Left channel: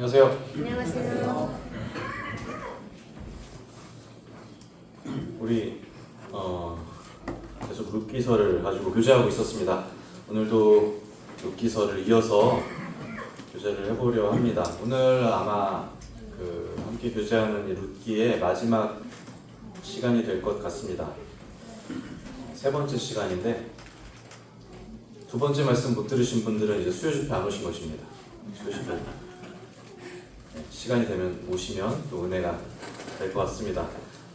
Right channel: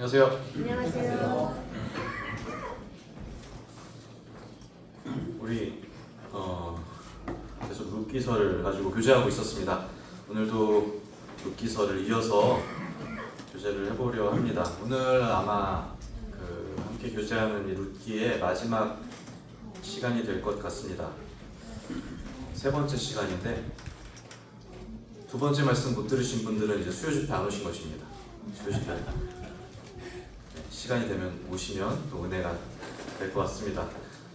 안녕하세요. 안녕하세요. 우리 계속 룻기서를 가지고 교제하고 있었습니다. 오늘도 룻기서를 이어서 교제를 해보려 합니다. 오늘 아마 함께 교제하는 룻기의 마지막 시간이 될 것 같습니다. 세 번째 시간인데 두 번째 말씀 못 들으신 분들은 이제 수요 집회 안 오신 것입니다. 수요 집회 시간이 되면 오시면 또 은혜가 될 것 같습니다.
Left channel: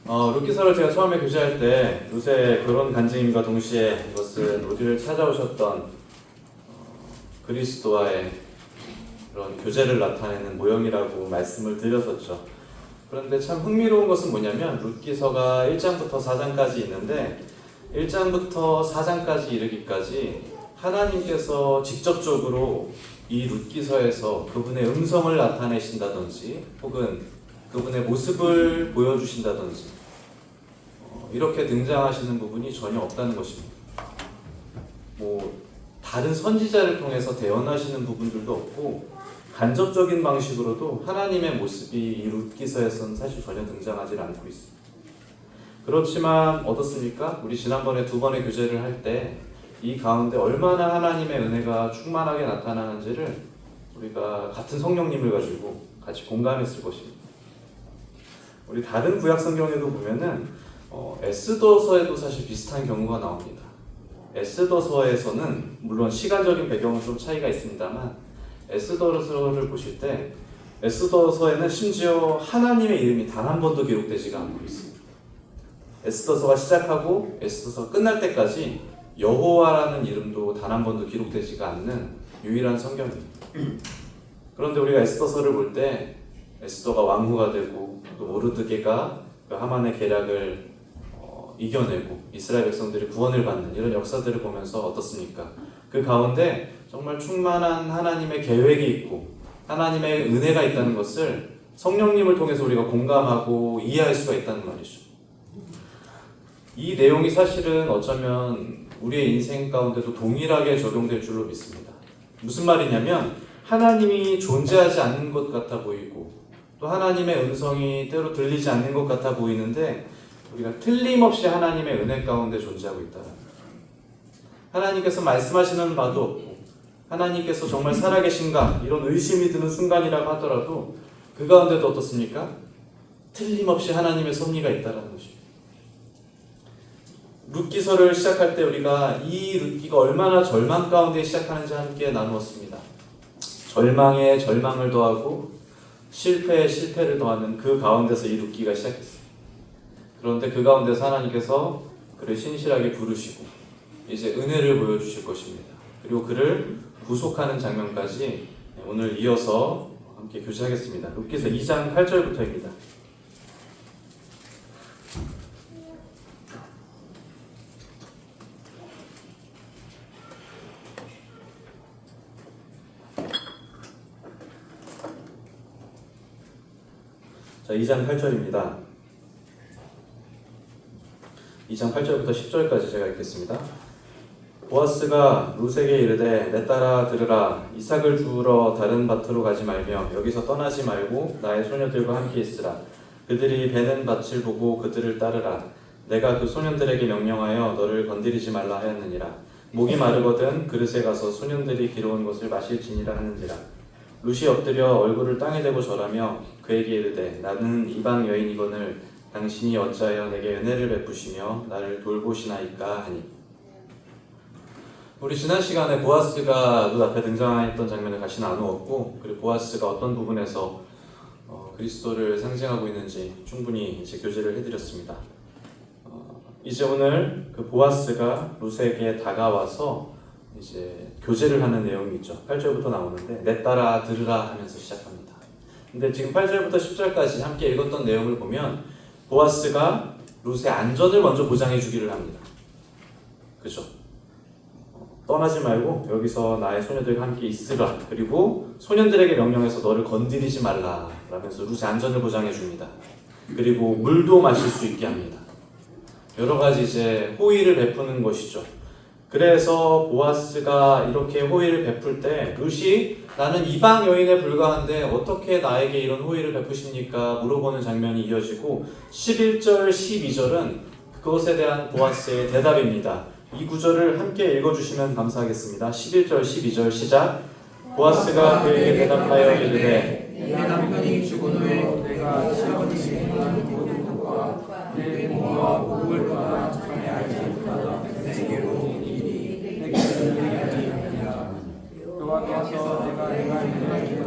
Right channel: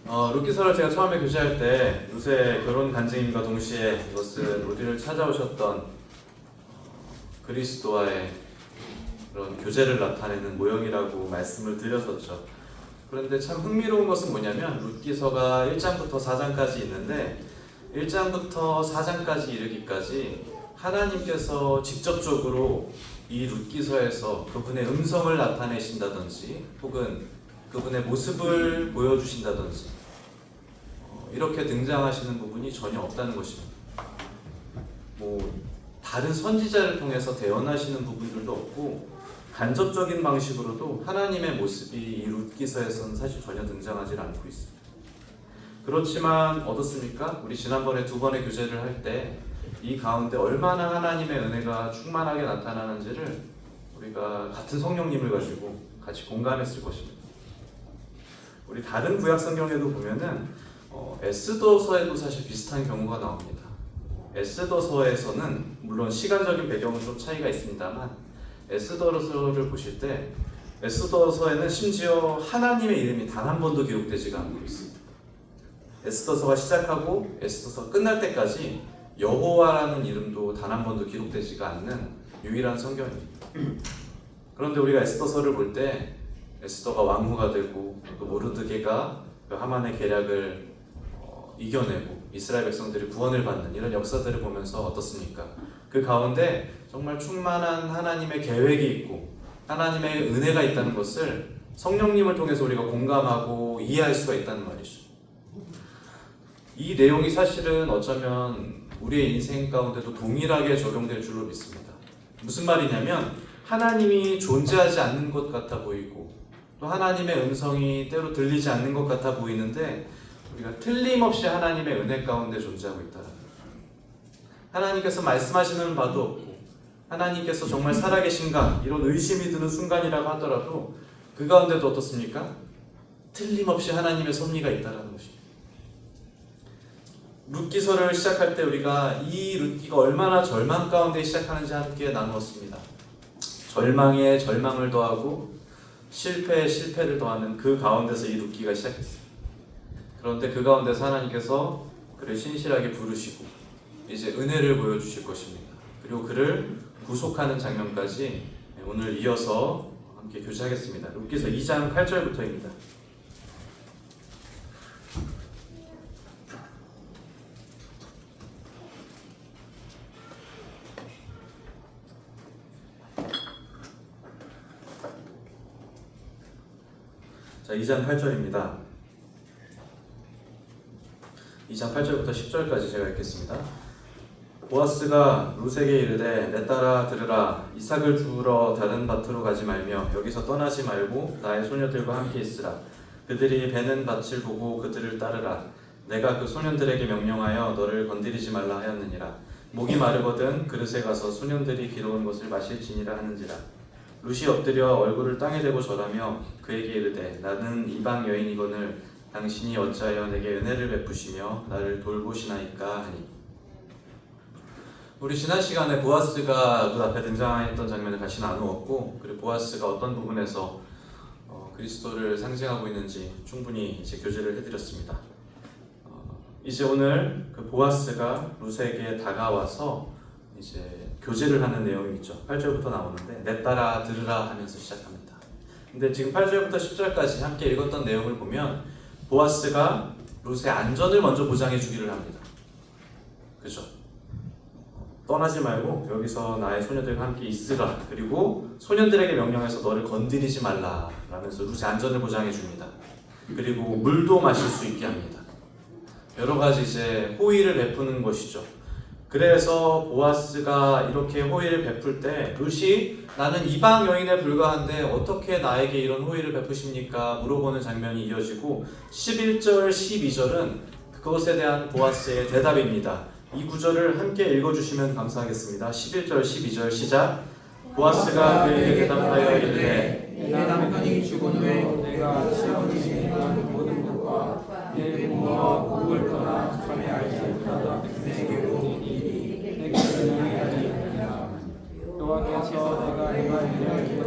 룻기서를 제가 처음에 교제할 때 요새 결혼 간증임과 동시에 이것은 우리를 찾아오셨던 그리스도와의 그런 교제를 나타내는 모형이라고 말씀을 드렸었죠. 그런데 참 흥미로운 것은 뭐냐면 룻기서가 1장부터 4장까지 있는데 1장부터 4장까지 이르기까지 하나님께서 직접적으로 이 룻기서에서 그분의 음성을 나타내신다든지 혹은 그분의 모습을 보여주신다든지 이렇게 등장하시는 부분이 전혀 없다는 것입니다. 다른 선지자를 통해서 대언하시는 부분들도 없고 간접적인 방식으로도 하나님의 모습이 이 룻기서에서는 사실 전혀 등장하지 않고 있습니다. 그렇지만 어떻습니까? 우리 지난번에 두 번의 교제를 할 때 이 가운데 얼마나 하나님의 은혜가 충만하게 나타나는지를 우리가 같은 성령님을 가지고 같이 공감했을 것입니다. 우리 다른 구약 성경에도 보면은 에스더서에도 사실 비슷한 경우가 나옵니다. 에스더서에서는 물론 시간적인 배경은 좀 차이가 있습니다만 에스더서를 보실 때 에스더서에는 심지어 하나님의 이름이 단 한 번도 기록되지가 않고 있습니다. 에스더서가 시작하고 에스더서 끝날 때까지 여호와라는 이름도 단 한 번도 기록되지가 않는 유일한 성경입니다. 그런데 우리가 에스더서를 볼 때 에스더가 왕후가 되고 또 모르드게가 그 하만의 계략을 이겨내고 이스라엘 백성들이 구원을 받는 이런 역사들을 보면서 어떻습니까? 그 가운데 정말 충만한 하나님의 계획이 있고 하나님의 은혜가 있다는 것을 성령님을 통해서 우리가 공감하고 이해할 수가 있다는 말이죠. 이 내용이 사실은 어쩌면 우리의 인생 가운데도 동일하게 적용될 줄로 믿습니다. 무슨 말이냐면 하나님이 존재하지 않는 것 같아 보이고 또 하나님의 음성이 때로 들리지 않는 것 같아 보이는데 우리가 틀림없이 하나님의 은혜 가운데 존재하고 있다. 하나님께서 말씀하시는 바도 없고 하나님께서 정말 살아계신가 이런 의심이 드는 순간이라고 하더라도 그 가운데도 어떻습니까? 틀림없이 하나님의 섭리가 있다는 것입니다. 룻기서를 시작할 때 우리가 이 룻기가 얼마나 절망 가운데 시작하는지 함께 나누었습니다. 절망에 절망을 더하고 실패에 실패를 더하는 그 가운데서 이 룻기가 시작했습니다. 그런데 그 가운데서 하나님께서 그를 신실하게 부르시고 이제 은혜를 보여주실 것입니다. 그리고 그를 구속하는 장면까지 오늘 이어서 함께 교제하겠습니다. 룻기서 2장 8절부터입니다. 자, 2장 8절입니다. 2장 8절부터 10절까지 제가 읽겠습니다. 보아스가 룻에게 이르되 내 딸아 들으라. 이삭을 두러 다른 밭으로 가지 말며 여기서 떠나지 말고 나의 소녀들과 함께 있으라. 그들이 베는 밭을 보고 그들을 따르라. 내가 그 소년들에게 명령하여 너를 건드리지 말라 하였느니라. 목이 마르거든 그릇에 가서 소년들이 기러운 것을 마실지니라 하는지라. 룻이 엎드려 얼굴을 땅에 대고 절하며 그에게 이르되 나는 이방 여인이거늘 당신이 어찌하여 내게 은혜를 베푸시며 나를 돌보시나이까 하니. 우리 지난 시간에 보아스가 룻 앞에 등장했던 장면을 다시 나누었고 그리고 보아스가 어떤 부분에서 그리스도를 상징하고 있는지 충분히 이제 교제를 해드렸습니다. 이제 오늘 그 보아스가 룻에게 다가와서 이제 교제를 하는 내용이 있죠. 8절부터 나오는데 내 딸아 들으라 하면서 시작합니다. 근데 지금 8절부터 10절까지 함께 읽었던 내용을 보면 보아스가 룻의 안전을 먼저 보장해 주기를 합니다. 그렇죠? 떠나지 말고 여기서 나의 소녀들과 함께 있으라. 그리고 소년들에게 명령해서 너를 건드리지 말라 라면서 룻의 안전을 보장해 줍니다. 그리고 물도 마실 수 있게 합니다. 여러 가지 이제 호의를 베푸는 것이죠. 그래서 보아스가 이렇게 호의를 베풀 때 룻이 나는 이방 여인에 불과한데 어떻게 나에게 이런 호의를 베푸십니까? 물어보는 장면이 이어지고 11절, 12절은 그것에 대한 보아스의 대답입니다. 이 구절을 함께 읽어주시면 감사하겠습니다. 11절, 12절 시작. 보아스가 그에게 대답하여 이르되 내 남편이 죽은 후에 내가 시아버님이 행하는 모든 것과 내 모와 복을 떠나 전에 알지 못하던 내게로 이리 내게 전하리이다. 여호와께서 내가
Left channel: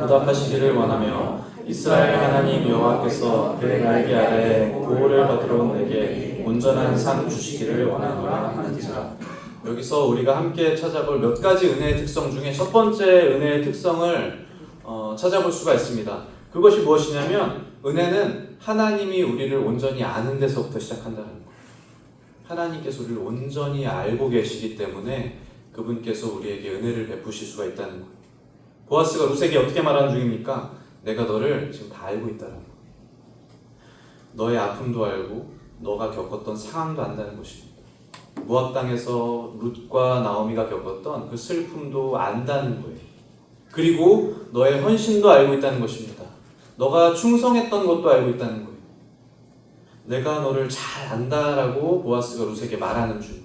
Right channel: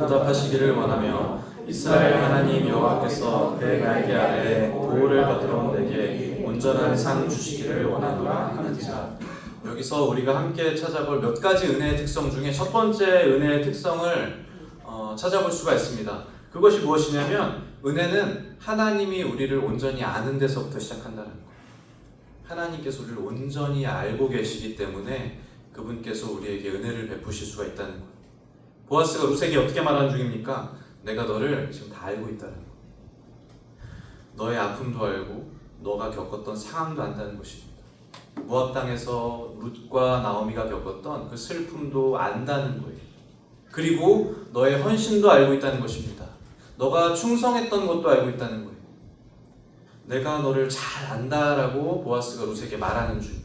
응답하시기를 원하며 이스라엘 하나님 여호와께서 그의 날개 아래 보호를 받으러 내게 온전한 상 주시기를 원하노라 하는지라. 여기서 우리가 함께 찾아볼 몇 가지 은혜의 특성 중에 첫 번째 은혜의 특성을 찾아볼 수가 있습니다. 그것이 무엇이냐면 은혜는 하나님이 우리를 온전히 아는 데서부터 시작한다는 거예요. 하나님께서 우리를 온전히 알고 계시기 때문에 그분께서 우리에게 은혜를 베푸실 수가 있다는 거예요. 보아스가 룻에게 어떻게 말하는 중입니까? 내가 너를 지금 다 알고 있다는 거예요. 너의 아픔도 알고 너가 겪었던 상황도 안다는 것입니다. 모압 땅에서 룻과 나오미가 겪었던 그 슬픔도 안다는 거예요. 그리고 너의 헌신도 알고 있다는 것입니다. 너가 충성했던 것도 알고 있다는 거예요. 내가 너를 잘 안다라고 보아스가 룻에게 말하는 중.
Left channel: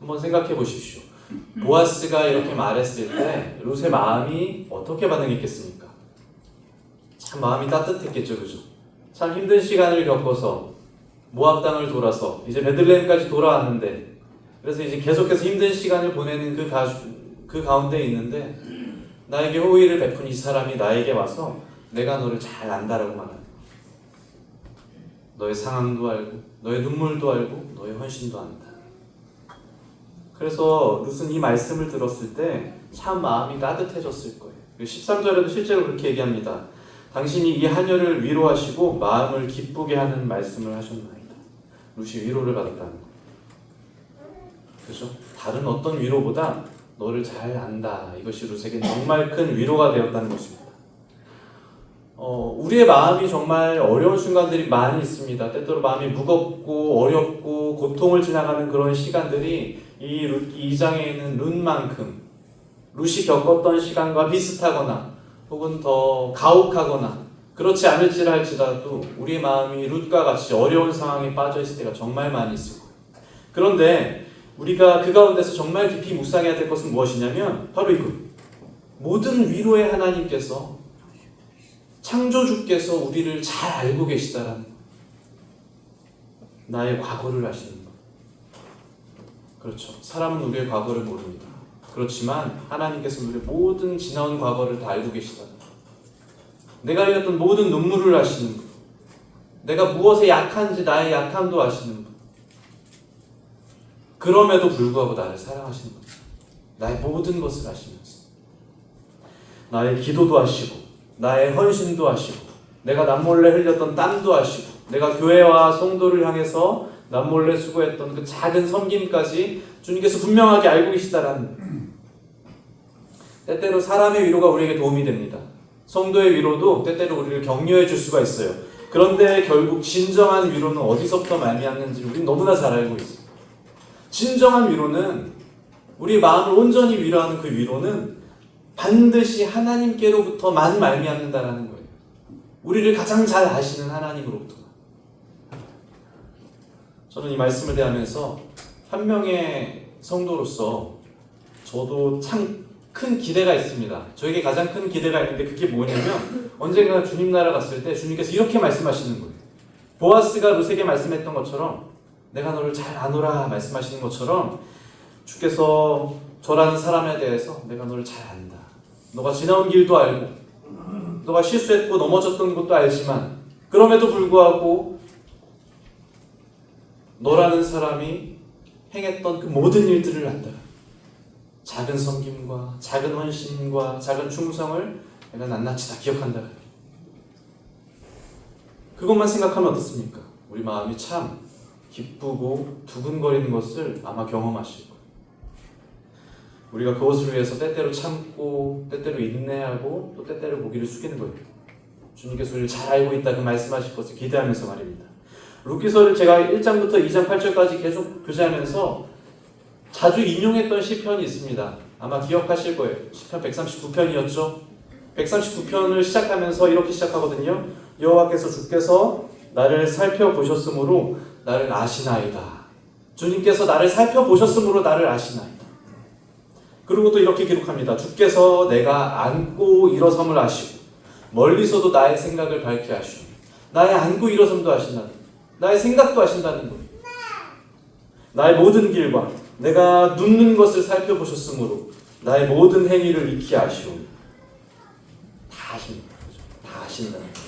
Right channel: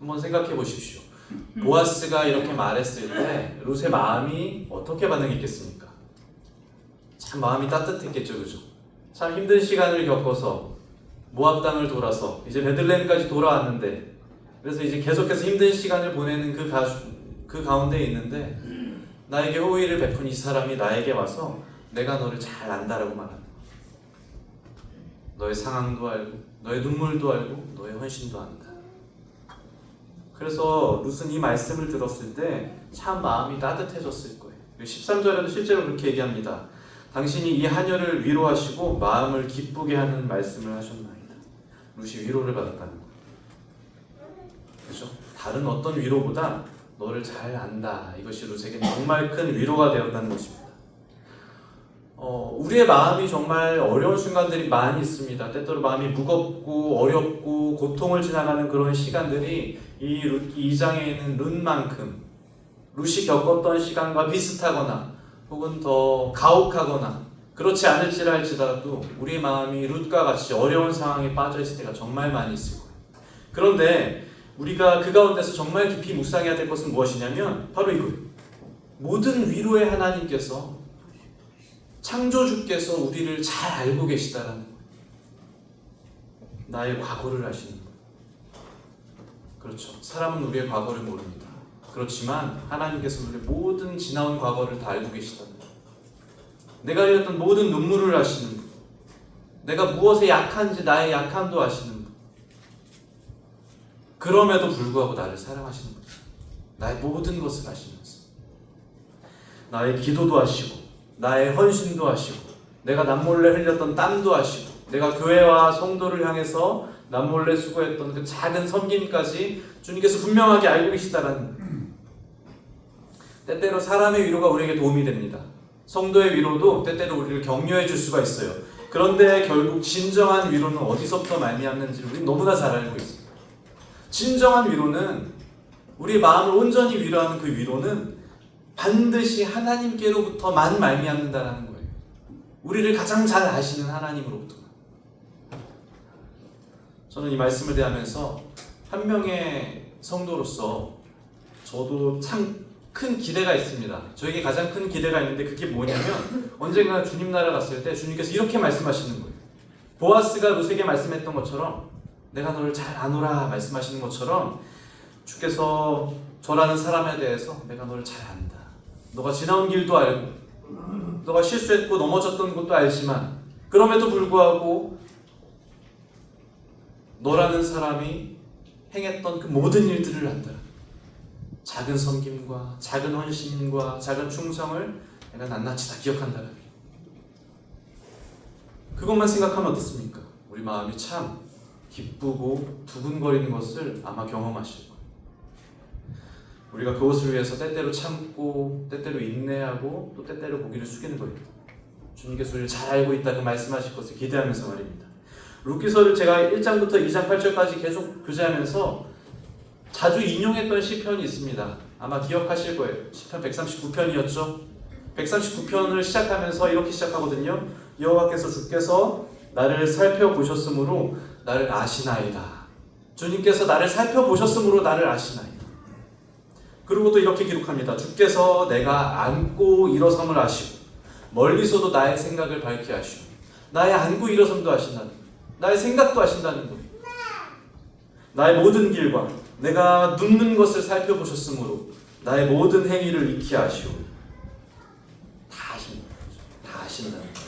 한번 생각해 보십시오. 보아스가 이렇게 말했을 때 룻의 마음이 어떻게 반응했겠습니까? 참 마음이 따뜻했겠죠, 그죠? 참 힘든 시간을 겪어서 모압 땅을 돌아서 이제 베들레헴까지 돌아왔는데, 그래서 이제 계속해서 힘든 시간을 보내는 그 가운데 있는데 나에게 호의를 베푼 이 사람이 나에게 와서 내가 너를 잘 안다라고 말합니다. 너의 상황도 알고 너의 눈물도 알고 너의 헌신도 안다. 그래서 룻은 이 말씀을 들었을 때 참 마음이 따뜻해졌을 거예요. 13절에도 실제로 그렇게 얘기합니다. 당신이 이 하녀를 위로하시고 마음을 기쁘게 하는 말씀을 하셨나이다. 룻이 위로를 받았다는 거예요. 그렇죠? 다른 어떤 위로보다 너를 잘 안다. 이것이 룻에게 정말 큰 위로가 되었다는 것입니다. 우리의 마음이 정말 어려운 순간들이 많이 있습니다. 때때로 마음이 무겁고 어렵고 고통을 지나가는 그런 시간들이 이 2장에 있는 룻만큼 룻이 겪었던 시간과 비슷하거나 혹은 더 가혹하거나 그렇지 않을지라도 우리 마음이 룻과 같이 어려운 상황에 빠져 있을 때가 정말 많이 있습니다. 그런데 우리가 그 가운데서 정말 깊이 묵상해야 될 것은 무엇이냐면 바로 이거. 모든 위로의 하나님께서 창조주께서 우리를 잘 알고 계시다라는 나의 과거를 아시는 것. 그렇죠. 사람은 우리의 과거를 모릅니다. 그렇지만 하나님께서 우리의 모든 지나온 과거를 다 알고 계시다. 내가 흘렸던 모든 눈물을 아시는 것. 내가 무엇에 약한지 나의 약함도 아시는 것. 그럼에도 불구하고 나를 사랑하시는 것. 나의 모든 것을 아시면서 나의 기도도 아시고 나의 헌신도 아시고 내가 남몰래 흘렸던 땀도 아시고 내가 교회와 성도를 향해서 남몰래 수고했던 그 작은 섬김까지 주님께서 분명하게 알고 계시다라는. 때때로 사람의 위로가 우리에게 도움이 됩니다. 성도의 위로도 때때로 우리를 격려해 줄 수가 있어요. 그런데 결국 진정한 위로는 어디서부터 말미암는지 우리는 너무나 잘 알고 있습니다. 진정한 위로는 우리의 마음을 온전히 위로하는 그 위로는 반드시 하나님께로부터만 말미암는다는 거예요. 우리를 가장 잘 아시는 하나님으로부터. 저는 이 말씀을 대하면서 한 명의 성도로서 저도 참 큰 기대가 있습니다. 저에게 가장 큰 기대가 있는데 그게 뭐냐면 언젠가 주님 나라 갔을 때 주님께서 이렇게 말씀하시는 거예요. 보아스가 룻에게 말씀했던 것처럼 내가 너를 잘 아노라 말씀하시는 것처럼 주께서 저라는 사람에 대해서 내가 너를 잘 안다. 너가 지나온 길도 알고 너가 실수했고 넘어졌던 것도 알지만 그럼에도 불구하고 너라는 사람이 행했던 그 모든 일들을 안다. 작은 섬김과 작은 헌신과 작은 충성을 내가 낱낱이 다 기억한다. 그것만 생각하면 어떻습니까? 우리 마음이 참 기쁘고 두근거리는 것을 아마 경험하시고 우리가 그것을 위해서 때때로 참고 때때로 인내하고 또 때때로 고개를 숙이는 거예요. 주님께서 우리를 잘 알고 있다 그 말씀하실 것을 기대하면서 말입니다. 룻기서를 제가 1장부터 2장 8절까지 계속 교제하면서 자주 인용했던 시편이 있습니다. 아마 기억하실 거예요. 시편 139편이었죠. 139편을 시작하면서 이렇게 시작하거든요. 여호와께서 주께서 나를 살펴보셨으므로 나를 아시나이다. 주님께서 나를 살펴보셨으므로 나를 아시나이다. 그리고 또 이렇게 기록합니다. 주께서 내가 앉고 일어섬을 아시고 멀리서도 나의 생각을 밝게 하시고 나의 앉고 일어섬도 아신다. 나의 생각도 아신다는 것. 나의 모든 길과 내가 눕는 것을 살펴보셨으므로 나의 모든 행위를 익히 아시고 다 아십니다. 다 아신다는 것.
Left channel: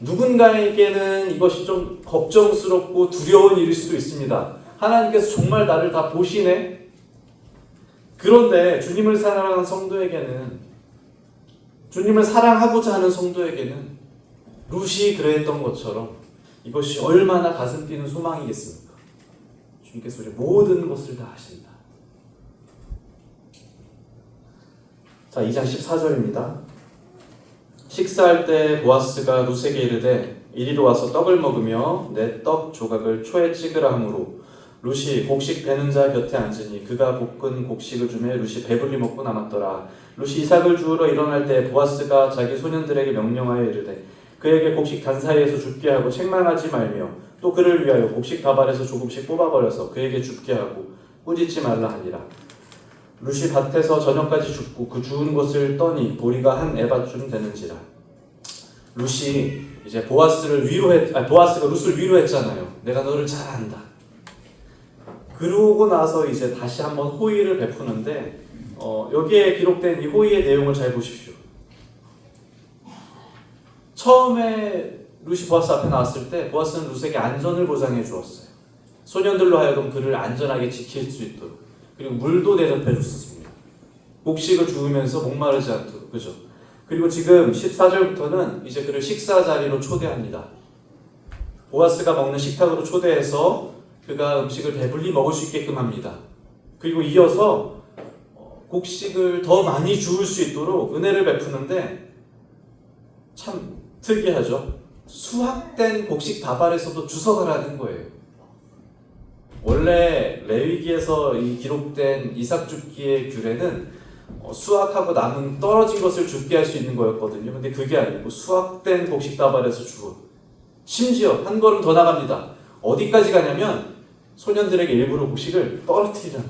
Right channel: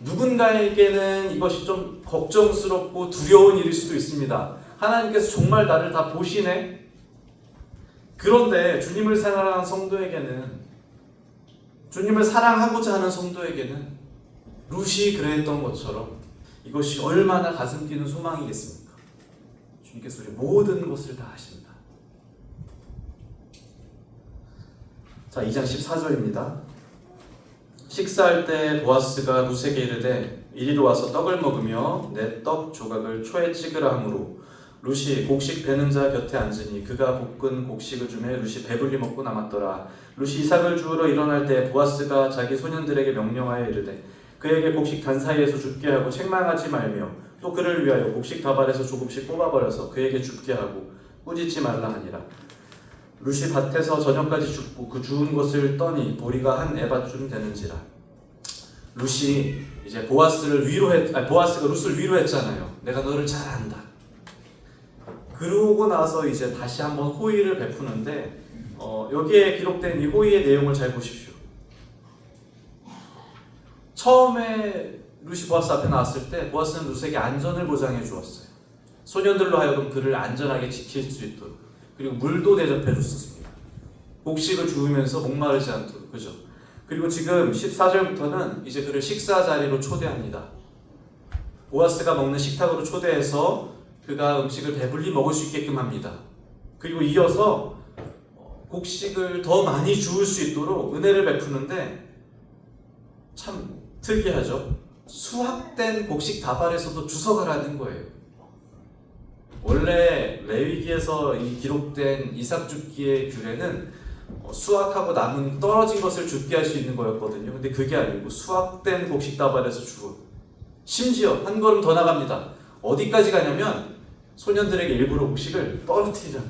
누군가에게는 이것이 좀 걱정스럽고 두려운 일일 수도 있습니다. 하나님께서 정말 나를 다 보시네? 그런데 주님을 사랑하는 성도에게는, 주님을 사랑하고자 하는 성도에게는 룻이 그랬던 것처럼 이것이 얼마나 가슴 뛰는 소망이겠습니까? 주님께서 우리의 모든 것을 다 아신다. 자, 2장 14절입니다. 식사할 때 보아스가 룻에게 이르되 이리로 와서 떡을 먹으며 내 떡 조각을 초에 찍으라 하므로 룻이 곡식 베는 자 곁에 앉으니 그가 볶은 곡식을 주매 룻이 배불리 먹고 남았더라. 룻이 이삭을 주우러 일어날 때 보아스가 자기 소년들에게 명령하여 이르되 그에게 곡식 단 사이에서 줍게 하고 책망하지 말며 또 그를 위하여 곡식 다발에서 조금씩 뽑아버려서 그에게 줍게 하고 꾸짖지 말라 하니라. 룻이 밭에서 저녁까지 줍고 그 주운 것을 떠니 보리가 한 에바쯤 되는지라. 룻이 이제 보아스가 룻을 위로했잖아요. 내가 너를 잘 안다. 그러고 나서 이제 다시 한번 호의를 베푸는데 여기에 기록된 이 호의의 내용을 잘 보십시오. 처음에 룻이 보아스 앞에 나왔을 때 보아스는 룻에게 안전을 보장해 주었어요. 소년들로 하여금 그를 안전하게 지킬 수 있도록. 그리고 물도 대접해 줬습니다. 곡식을 주우면서 목마르지 않도록. 그죠? 그리고 지금 14절부터는 이제 그를 식사 자리로 초대합니다. 보아스가 먹는 식탁으로 초대해서 그가 음식을 배불리 먹을 수 있게끔 합니다. 그리고 이어서 곡식을 더 많이 주울 수 있도록 은혜를 베푸는데 참 특이하죠. 수확된 곡식 다발에서도 주석을 하는 거예요. 원래 레위기에서 이 기록된 이삭 줍기의 규례는 수확하고 남은 떨어진 것을 줍게 할 수 있는 거였거든요. 근데 그게 아니고 수확된 곡식 다발에서 주고 심지어 한 걸음 더 나갑니다. 어디까지 가냐면 소년들에게 일부러 곡식을 떨어뜨리는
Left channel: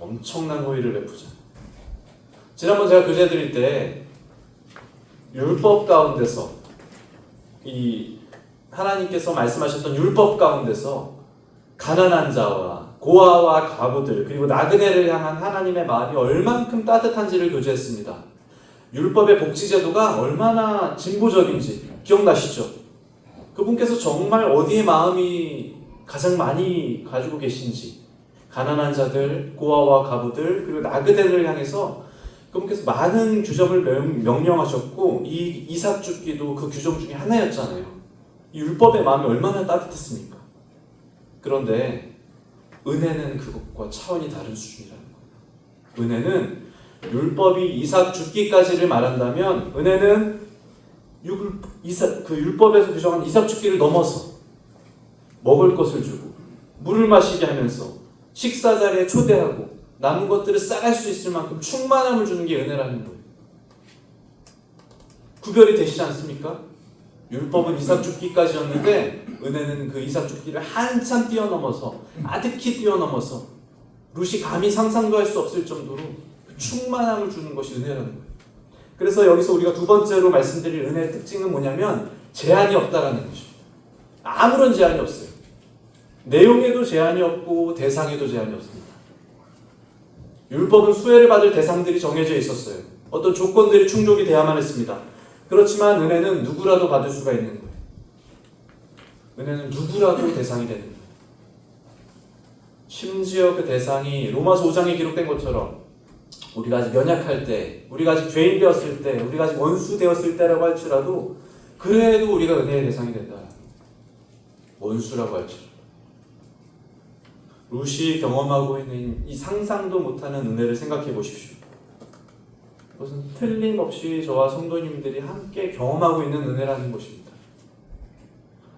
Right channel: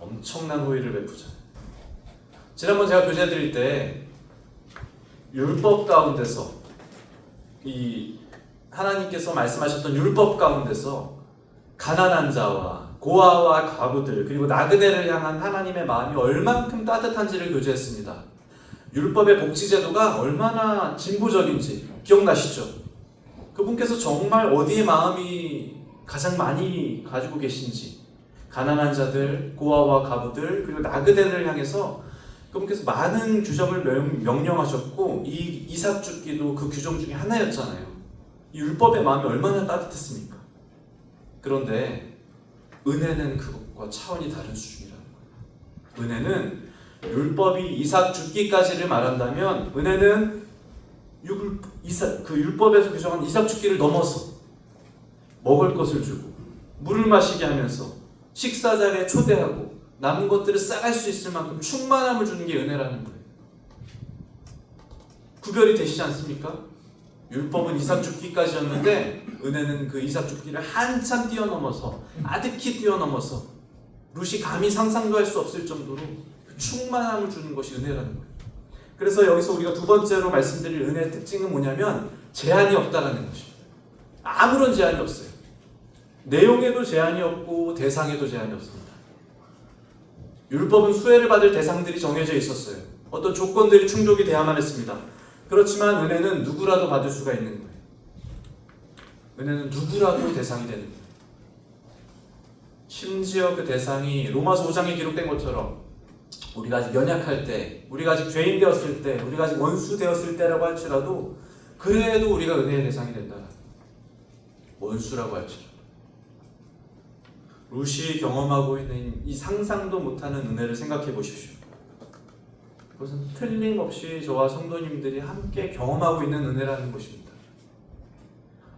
엄청난 호의를 베푸죠. 지난번 제가 교재 드릴 때 율법 가운데서 이 하나님께서 말씀하셨던 율법 가운데서 가난한 자와 고아와 과부들 그리고 나그네를 향한 하나님의 마음이 얼만큼 따뜻한지를 교제했습니다. 율법의 복지제도가 얼마나 진보적인지 기억나시죠? 그분께서 정말 어디에 마음이 가장 많이 가지고 계신지 가난한 자들, 고아와 과부들 그리고 나그네를 향해서 그분께서 많은 규정을 명령하셨고 이 이삭 줍기도 그 규정 중에 하나였잖아요. 이 율법의 마음이 얼마나 따뜻했습니까? 그런데 은혜는 그것과 차원이 다른 수준이다. 은혜는 율법이 이삭 줍기까지를 말한다면 은혜는 그 율법에서 규정한 이삭 줍기를 넘어서 먹을 것을 주고 물을 마시게 하면서 식사 자리에 초대하고 남은 것들을 쌓을 수 있을 만큼 충만함을 주는 게 은혜라는 거예요. 구별이 되시지 않습니까? 율법은 이삭 줍기까지였는데 은혜는 그 이삭 줍기를 한참 뛰어넘어서 아득히 뛰어넘어서 룻이 감히 상상도 할 수 없을 정도로 충만함을 주는 것이 은혜라는 거예요. 그래서 여기서 우리가 두 번째로 말씀드릴 은혜의 특징은 뭐냐면 제한이 없다라는 것이죠. 아무런 제한이 없어요. 내용에도 제한이 없고 대상에도 제한이 없습니다. 율법은 수혜를 받을 대상들이 정해져 있었어요. 어떤 조건들이 충족이 돼야만 했습니다. 그렇지만 은혜는 누구라도 받을 수가 있는 거예요. 은혜는 누구라도 대상이 되는 거예요. 심지어 그 대상이 로마서 5장에 기록된 것처럼 우리가 아직 연약할 때, 우리가 아직 죄인 되었을 때, 우리가 아직 원수 되었을 때라고 할지라도 그래도 우리가 은혜의 대상이 된다. 원수라고 할지라도. 룻이 경험하고 있는 이 상상도 못하는 은혜를 생각해 보십시오. 그것은 틀림없이 저와 성도님들이 함께 경험하고 있는 은혜라는 것입니다.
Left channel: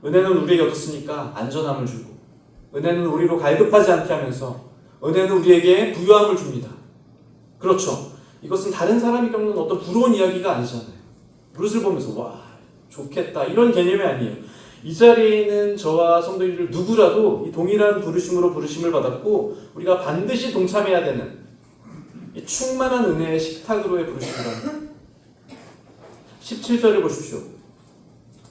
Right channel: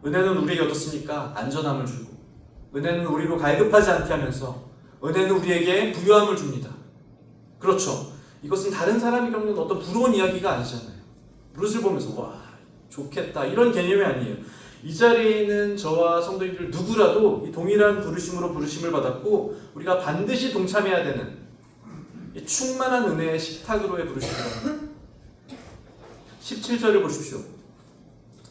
은혜는 우리에게 어떻습니까? 안전함을 주고 은혜는 우리로 갈급하지 않게 하면서 은혜는 우리에게 부유함을 줍니다. 그렇죠. 이것은 다른 사람이 겪는 어떤 부러운 이야기가 아니잖아요. 룻을 보면서 와 좋겠다 이런 개념이 아니에요. 이 자리에 있는 저와 성도님들 누구라도 이 동일한 부르심으로 부르심을 받았고 우리가 반드시 동참해야 되는 이 충만한 은혜의 식탁으로의 부르심입니다. 17절을 보십시오.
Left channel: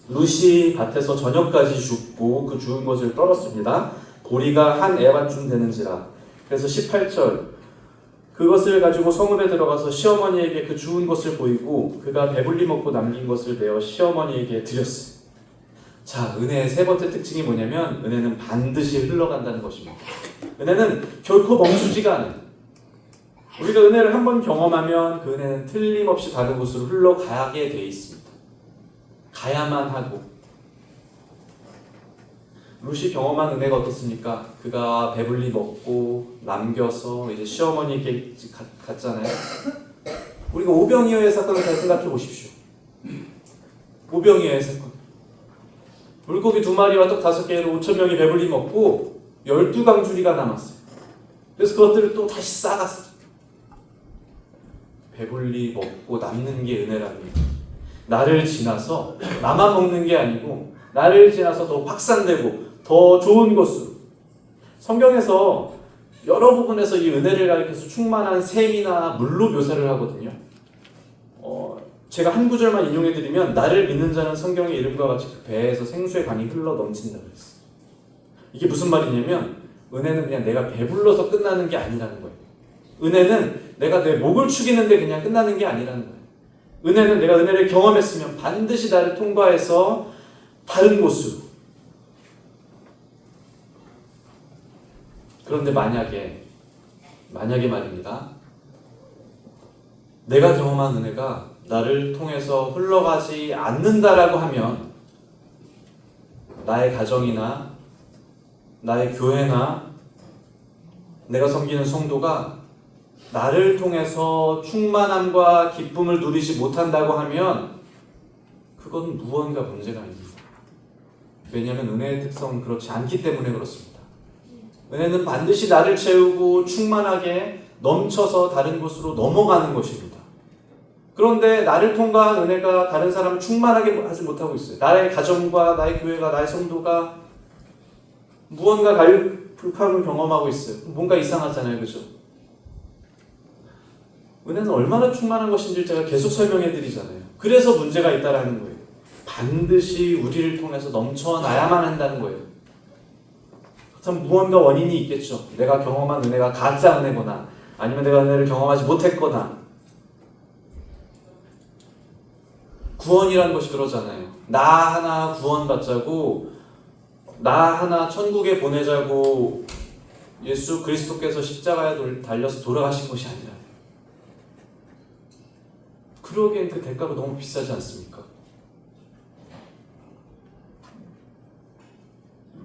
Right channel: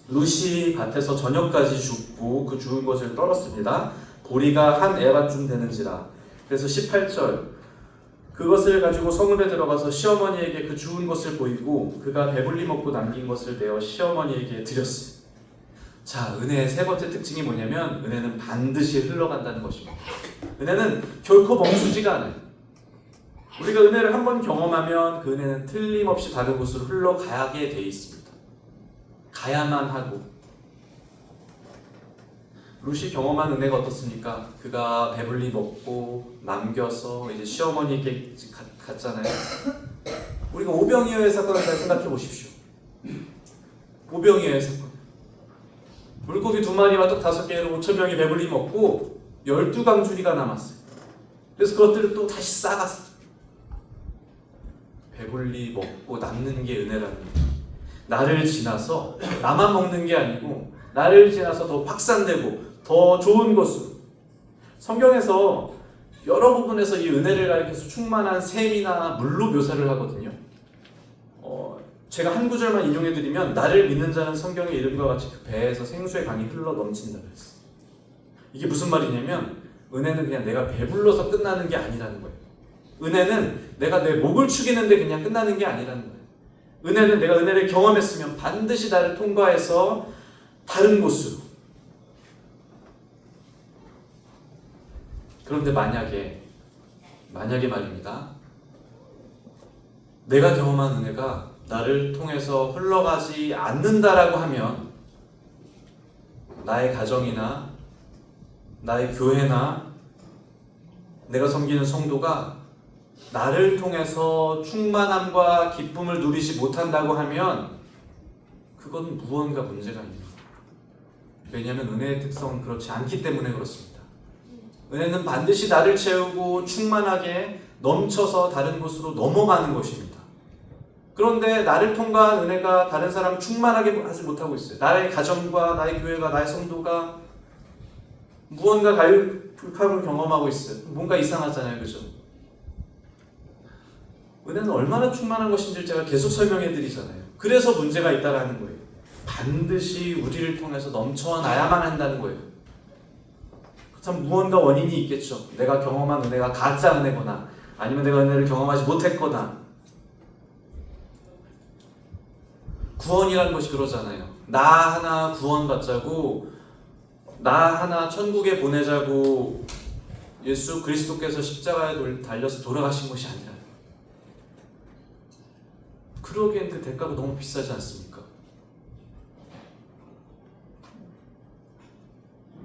룻이 밭에서 저녁까지 죽고 그 죽은 것을 떨었습니다. 보리가 한 에바쯤 되는지라. 그래서 18절 그것을 가지고 성읍에 들어가서 시어머니에게 그 죽은 것을 보이고 그가 배불리 먹고 남긴 것을 내어 시어머니에게 드렸어요. 자, 은혜의 세 번째 특징이 뭐냐면 은혜는 반드시 흘러간다는 것입니다. 은혜는 결코 멈추지가 않아요. 우리가 은혜를 한번 경험하면 그 은혜는 틀림없이 다른 곳으로 흘러가게 돼 있습니다. 가야만 하고. 룻이 경험한 은혜가 어떻습니까? 그가 배불리 먹고 남겨서 이제 시어머니에게 갔잖아요. 우리가 오병이어의 사건을 잘 생각해 보십시오. 오병이어의 사건. 물고기 2마리와 떡 5개로 5,000명이 배불리 먹고 12강줄이가 남았어요. 그래서 그것들을 또 다시 싸갔어요. 배불리 먹고 남는 게 은혜랍니다. 나를 지나서 나만 먹는 게 아니고 나를 지나서 더 확산되고 더 좋은 것으로. 성경에서 여러 부분에서 이 은혜를 가리켜서 충만한 샘이나 물로 묘사를 하거든요. 제가 한 구절만 인용해드리면 나를 믿는 자는 성경의 이름과 같이 그 배에서 생수의 강이 흘러 넘친다고 했어요. 이게 무슨 말이냐면 은혜는 그냥 내가 배불러서 끝나는 게 아니라는 거예요. 은혜는 내가 내 목을 축이는데 그냥 끝나는 게 아니라는 거예요. 은혜는 내가 은혜를 경험했으면 반드시 나를 통과해서 다른 곳으로. 그런데 만약에 말입니다. 내가 경험한 은혜가 나를 통해서 흘러가지 않는다라고 하면 나의 가정이나 나의 교회나 내가 섬기는 성도가 나를 통해서 충만함과 기쁨을 누리지 못한다고 하면 그건 무언가 문제가 아닙니다. 왜냐하면 은혜의 특성은 그렇지 않기 때문에 그렇습니다. 은혜는 반드시 나를 채우고 충만하게 넘쳐서 다른 곳으로 넘어가는 것입니다. 그런데 나를 통과한 은혜가 다른 사람을 충만하게 하지 못하고 있어요. 나의 가정과 나의 교회가 나의 성도가 무언가 갈급함을 경험하고 있어요. 뭔가 이상하잖아요. 그죠? 은혜는 얼마나 충만한 것인지 제가 계속 설명해 드리잖아요. 그래서 문제가 있다라는 거예요. 반드시 우리를 통해서 넘쳐나야만 한다는 거예요. 참 무언가 원인이 있겠죠. 내가 경험한 은혜가 가짜 은혜거나 아니면 내가 은혜를 경험하지 못했거나. 구원이라는 것이 그러잖아요. 나 하나 구원받자고 나 하나 천국에 보내자고 예수 그리스도께서 십자가에 달려서 돌아가신 것이 아니라 그러기엔 그 대가가 너무 비싸지 않습니까?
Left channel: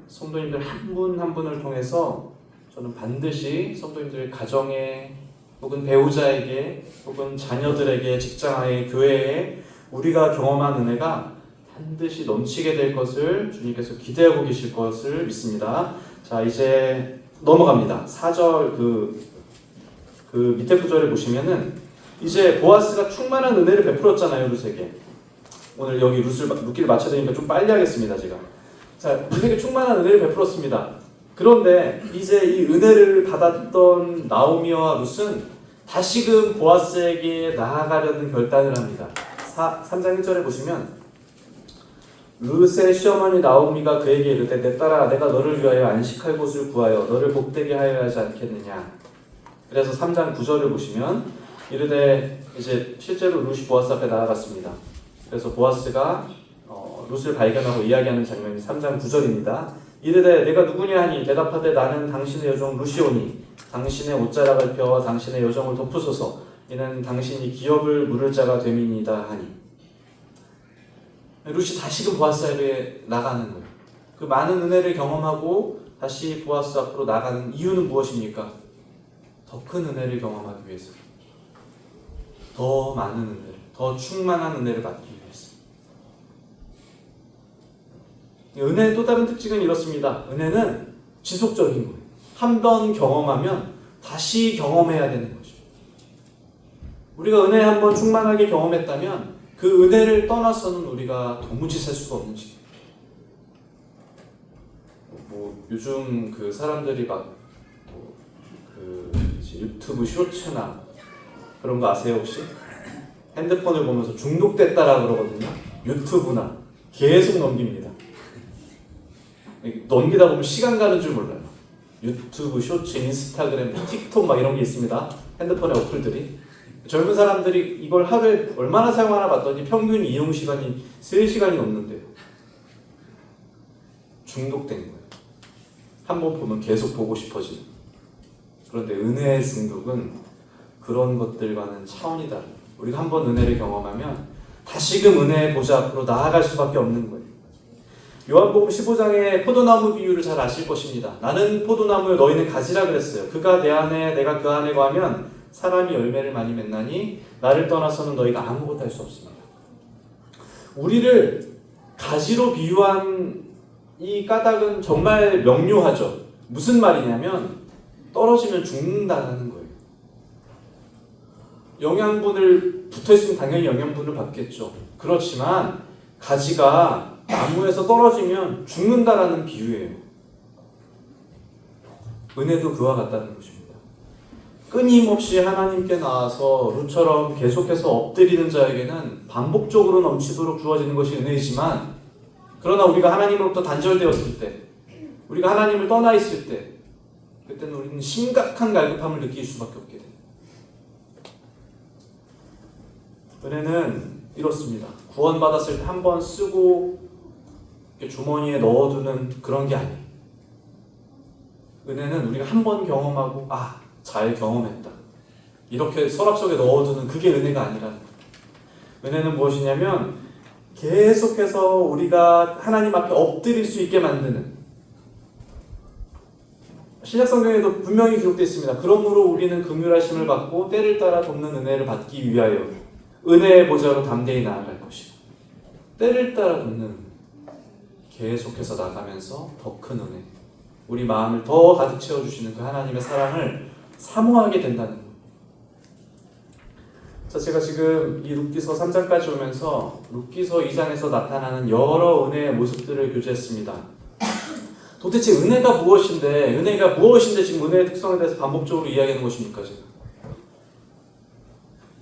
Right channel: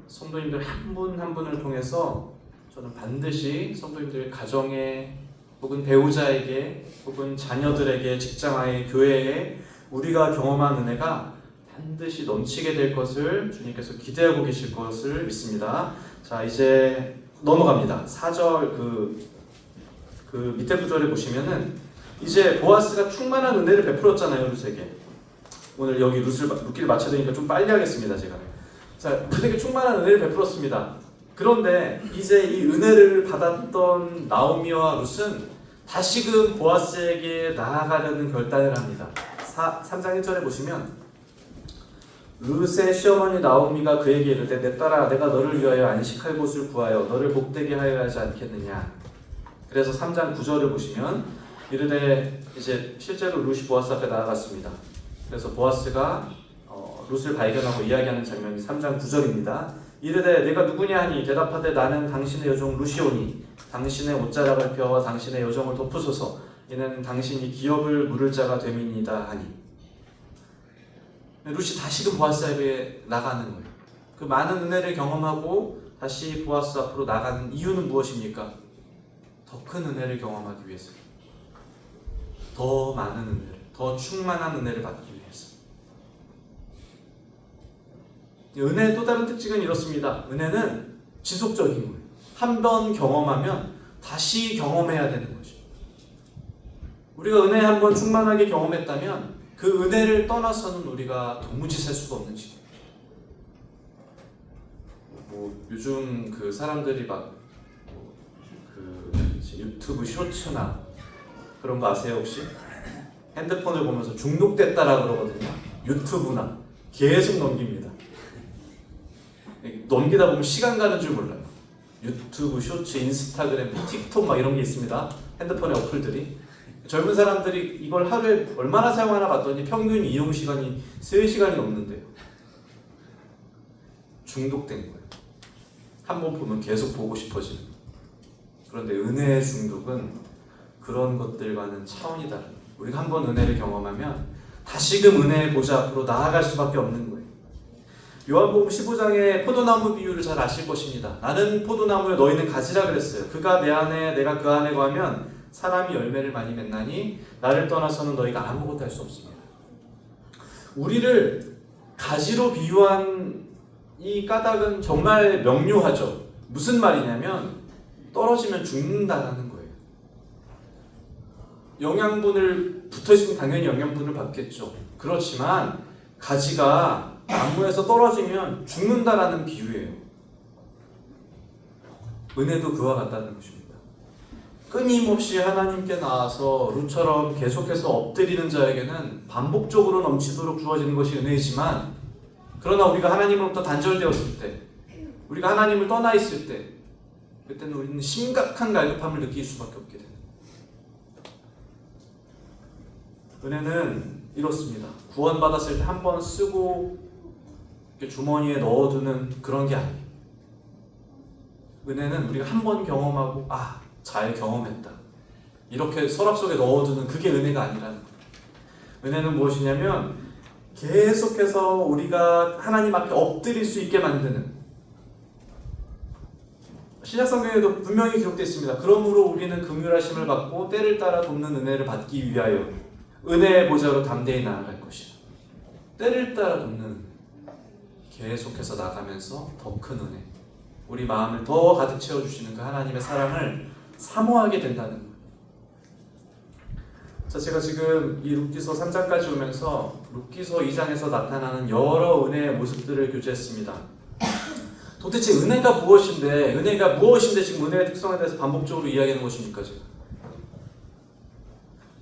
성도님들 한 분 한 분을 통해서 저는 반드시 성도님들의 가정에 혹은 배우자에게 혹은 자녀들에게 직장에 교회에 우리가 경험한 은혜가 반드시 넘치게 될 것을 주님께서 기대하고 계실 것을 믿습니다. 자, 이제 넘어갑니다. 4절 그 밑에 구절에 보시면은 이제 보아스가 충만한 은혜를 베풀었잖아요, 룻에게. 오늘 여기 룻기를 마쳐야 되니까 좀 빨리 하겠습니다, 제가. 자, 룻에게 충만한 은혜를 베풀었습니다. 그런데 이제 이 은혜를 받았던 나오미와 룻은 다시금 보아스에게 나아가려는 결단을 합니다. 3장 1절에 보시면 룻의 시어머니 나오미가 그에게 이르되 내 딸아 내가 너를 위하여 안식할 곳을 구하여 너를 복되게 하여야 하지 않겠느냐. 그래서 3장 9절을 보시면 이르되 이제 실제로 룻이 보아스 앞에 나아갔습니다. 그래서 보아스가 룻을 발견하고 이야기하는 장면이 3장 9절입니다. 이르되 내가 누구냐 하니 대답하되 나는 당신의 여종 룻이오니 당신의 옷자락을 펴와 당신의 여정을 덮으소서 이는 당신이 기업을 물을 자가 됨이니이다 하니. 룻이 다시금 보아스 앞에 나가는 거예요. 그 많은 은혜를 경험하고 다시 보아스 앞으로 나가는 이유는 무엇입니까? 더 큰 은혜를 경험하기 위해서, 더 많은 은혜를, 더 충만한 은혜를 받기 위해서. 은혜의 또 다른 특징은 이렇습니다. 은혜는 지속적인 거예요. 한 번 경험하면 다시 경험해야 되는 거죠. 우리가 은혜 한번 충만하게 경험했다면 그 은혜를 떠나서는 우리가 도무지 살 수가 없는 지. 뭐 요즘 그 사람들이 막 그 유튜브 쇼츠나 그런 거 아세요 혹시? 핸드폰을 보면서 중독됐다라 그러거든요. 유튜브나 계속 넘깁니다. 넘기다 보면 시간 가는 줄 몰라요. 유튜브, 쇼츠, 인스타그램, 틱톡 막 이런 게 있습니다. 핸드폰의 어플들이. 젊은 사람들이 이걸 하루에 얼마나 사용하나 봤더니 평균 이용 시간이 3시간이 넘는데요. 중독된 거예요. 한번 보면 계속 보고 싶어지는. 그런데 은혜의 중독은 그런 것들과는 차원이 다릅니다. 우리가 한번 은혜를 경험하면 다시금 은혜의 보좌 앞으로 나아갈 수밖에 없는 거예요. 요한복음 15장의 포도나무 비유를 잘 아실 것입니다. 나는 포도나무여 너희는 가지라 그랬어요. 그가 내 안에 내가 그 안에 거하면 사람이 열매를 많이 맺나니 나를 떠나서는 너희가 아무것도 할 수 없습니다. 우리를 가지로 비유한 이 까닭은 정말 명료하죠. 무슨 말이냐면 떨어지면 죽는다는 거예요. 영양분을 붙어있으면 당연히 영양분을 받겠죠. 그렇지만 가지가 나무에서 떨어지면 죽는다라는 비유예요. 은혜도 그와 같다는 것입니다. 끊임없이 하나님께 나와서 룻처럼 계속해서 엎드리는 자에게는 반복적으로 넘치도록 주어지는 것이 은혜이지만, 그러나 우리가 하나님으로부터 단절되었을 때, 우리가 하나님을 떠나 있을 때, 그때는 우리는 심각한 갈급함을 느낄 수밖에 없게 됩니다. 은혜는 이렇습니다. 구원받았을 때 한 번 쓰고 주머니에 넣어두는 그런 게 아니에요. 은혜는 우리가 한 번 경험하고 잘 경험했다, 이렇게 서랍 속에 넣어두는 그게 은혜가 아니라, 은혜는 무엇이냐면 계속해서 우리가 하나님 앞에 엎드릴 수 있게 만드는, 신약성경에도 분명히 기록되어 있습니다. 그러므로 우리는 긍휼하심을 받고 때를 따라 돕는 은혜를 받기 위하여 은혜의 보좌로 담대히 나아갈 것이다. 때를 따라 돕는, 계속해서 나가면서 더 큰 은혜, 우리 마음을 더 가득 채워주시는 그 하나님의 사랑을 사모하게 된다는 거예요. 제가 지금 이 룻기서 3장까지 오면서 룻기서 2장에서 나타나는 여러 은혜의 모습들을 교제했습니다. 도대체 은혜가 무엇인데, 지금 은혜의 특성에 대해서 반복적으로 이야기하는 것입니까?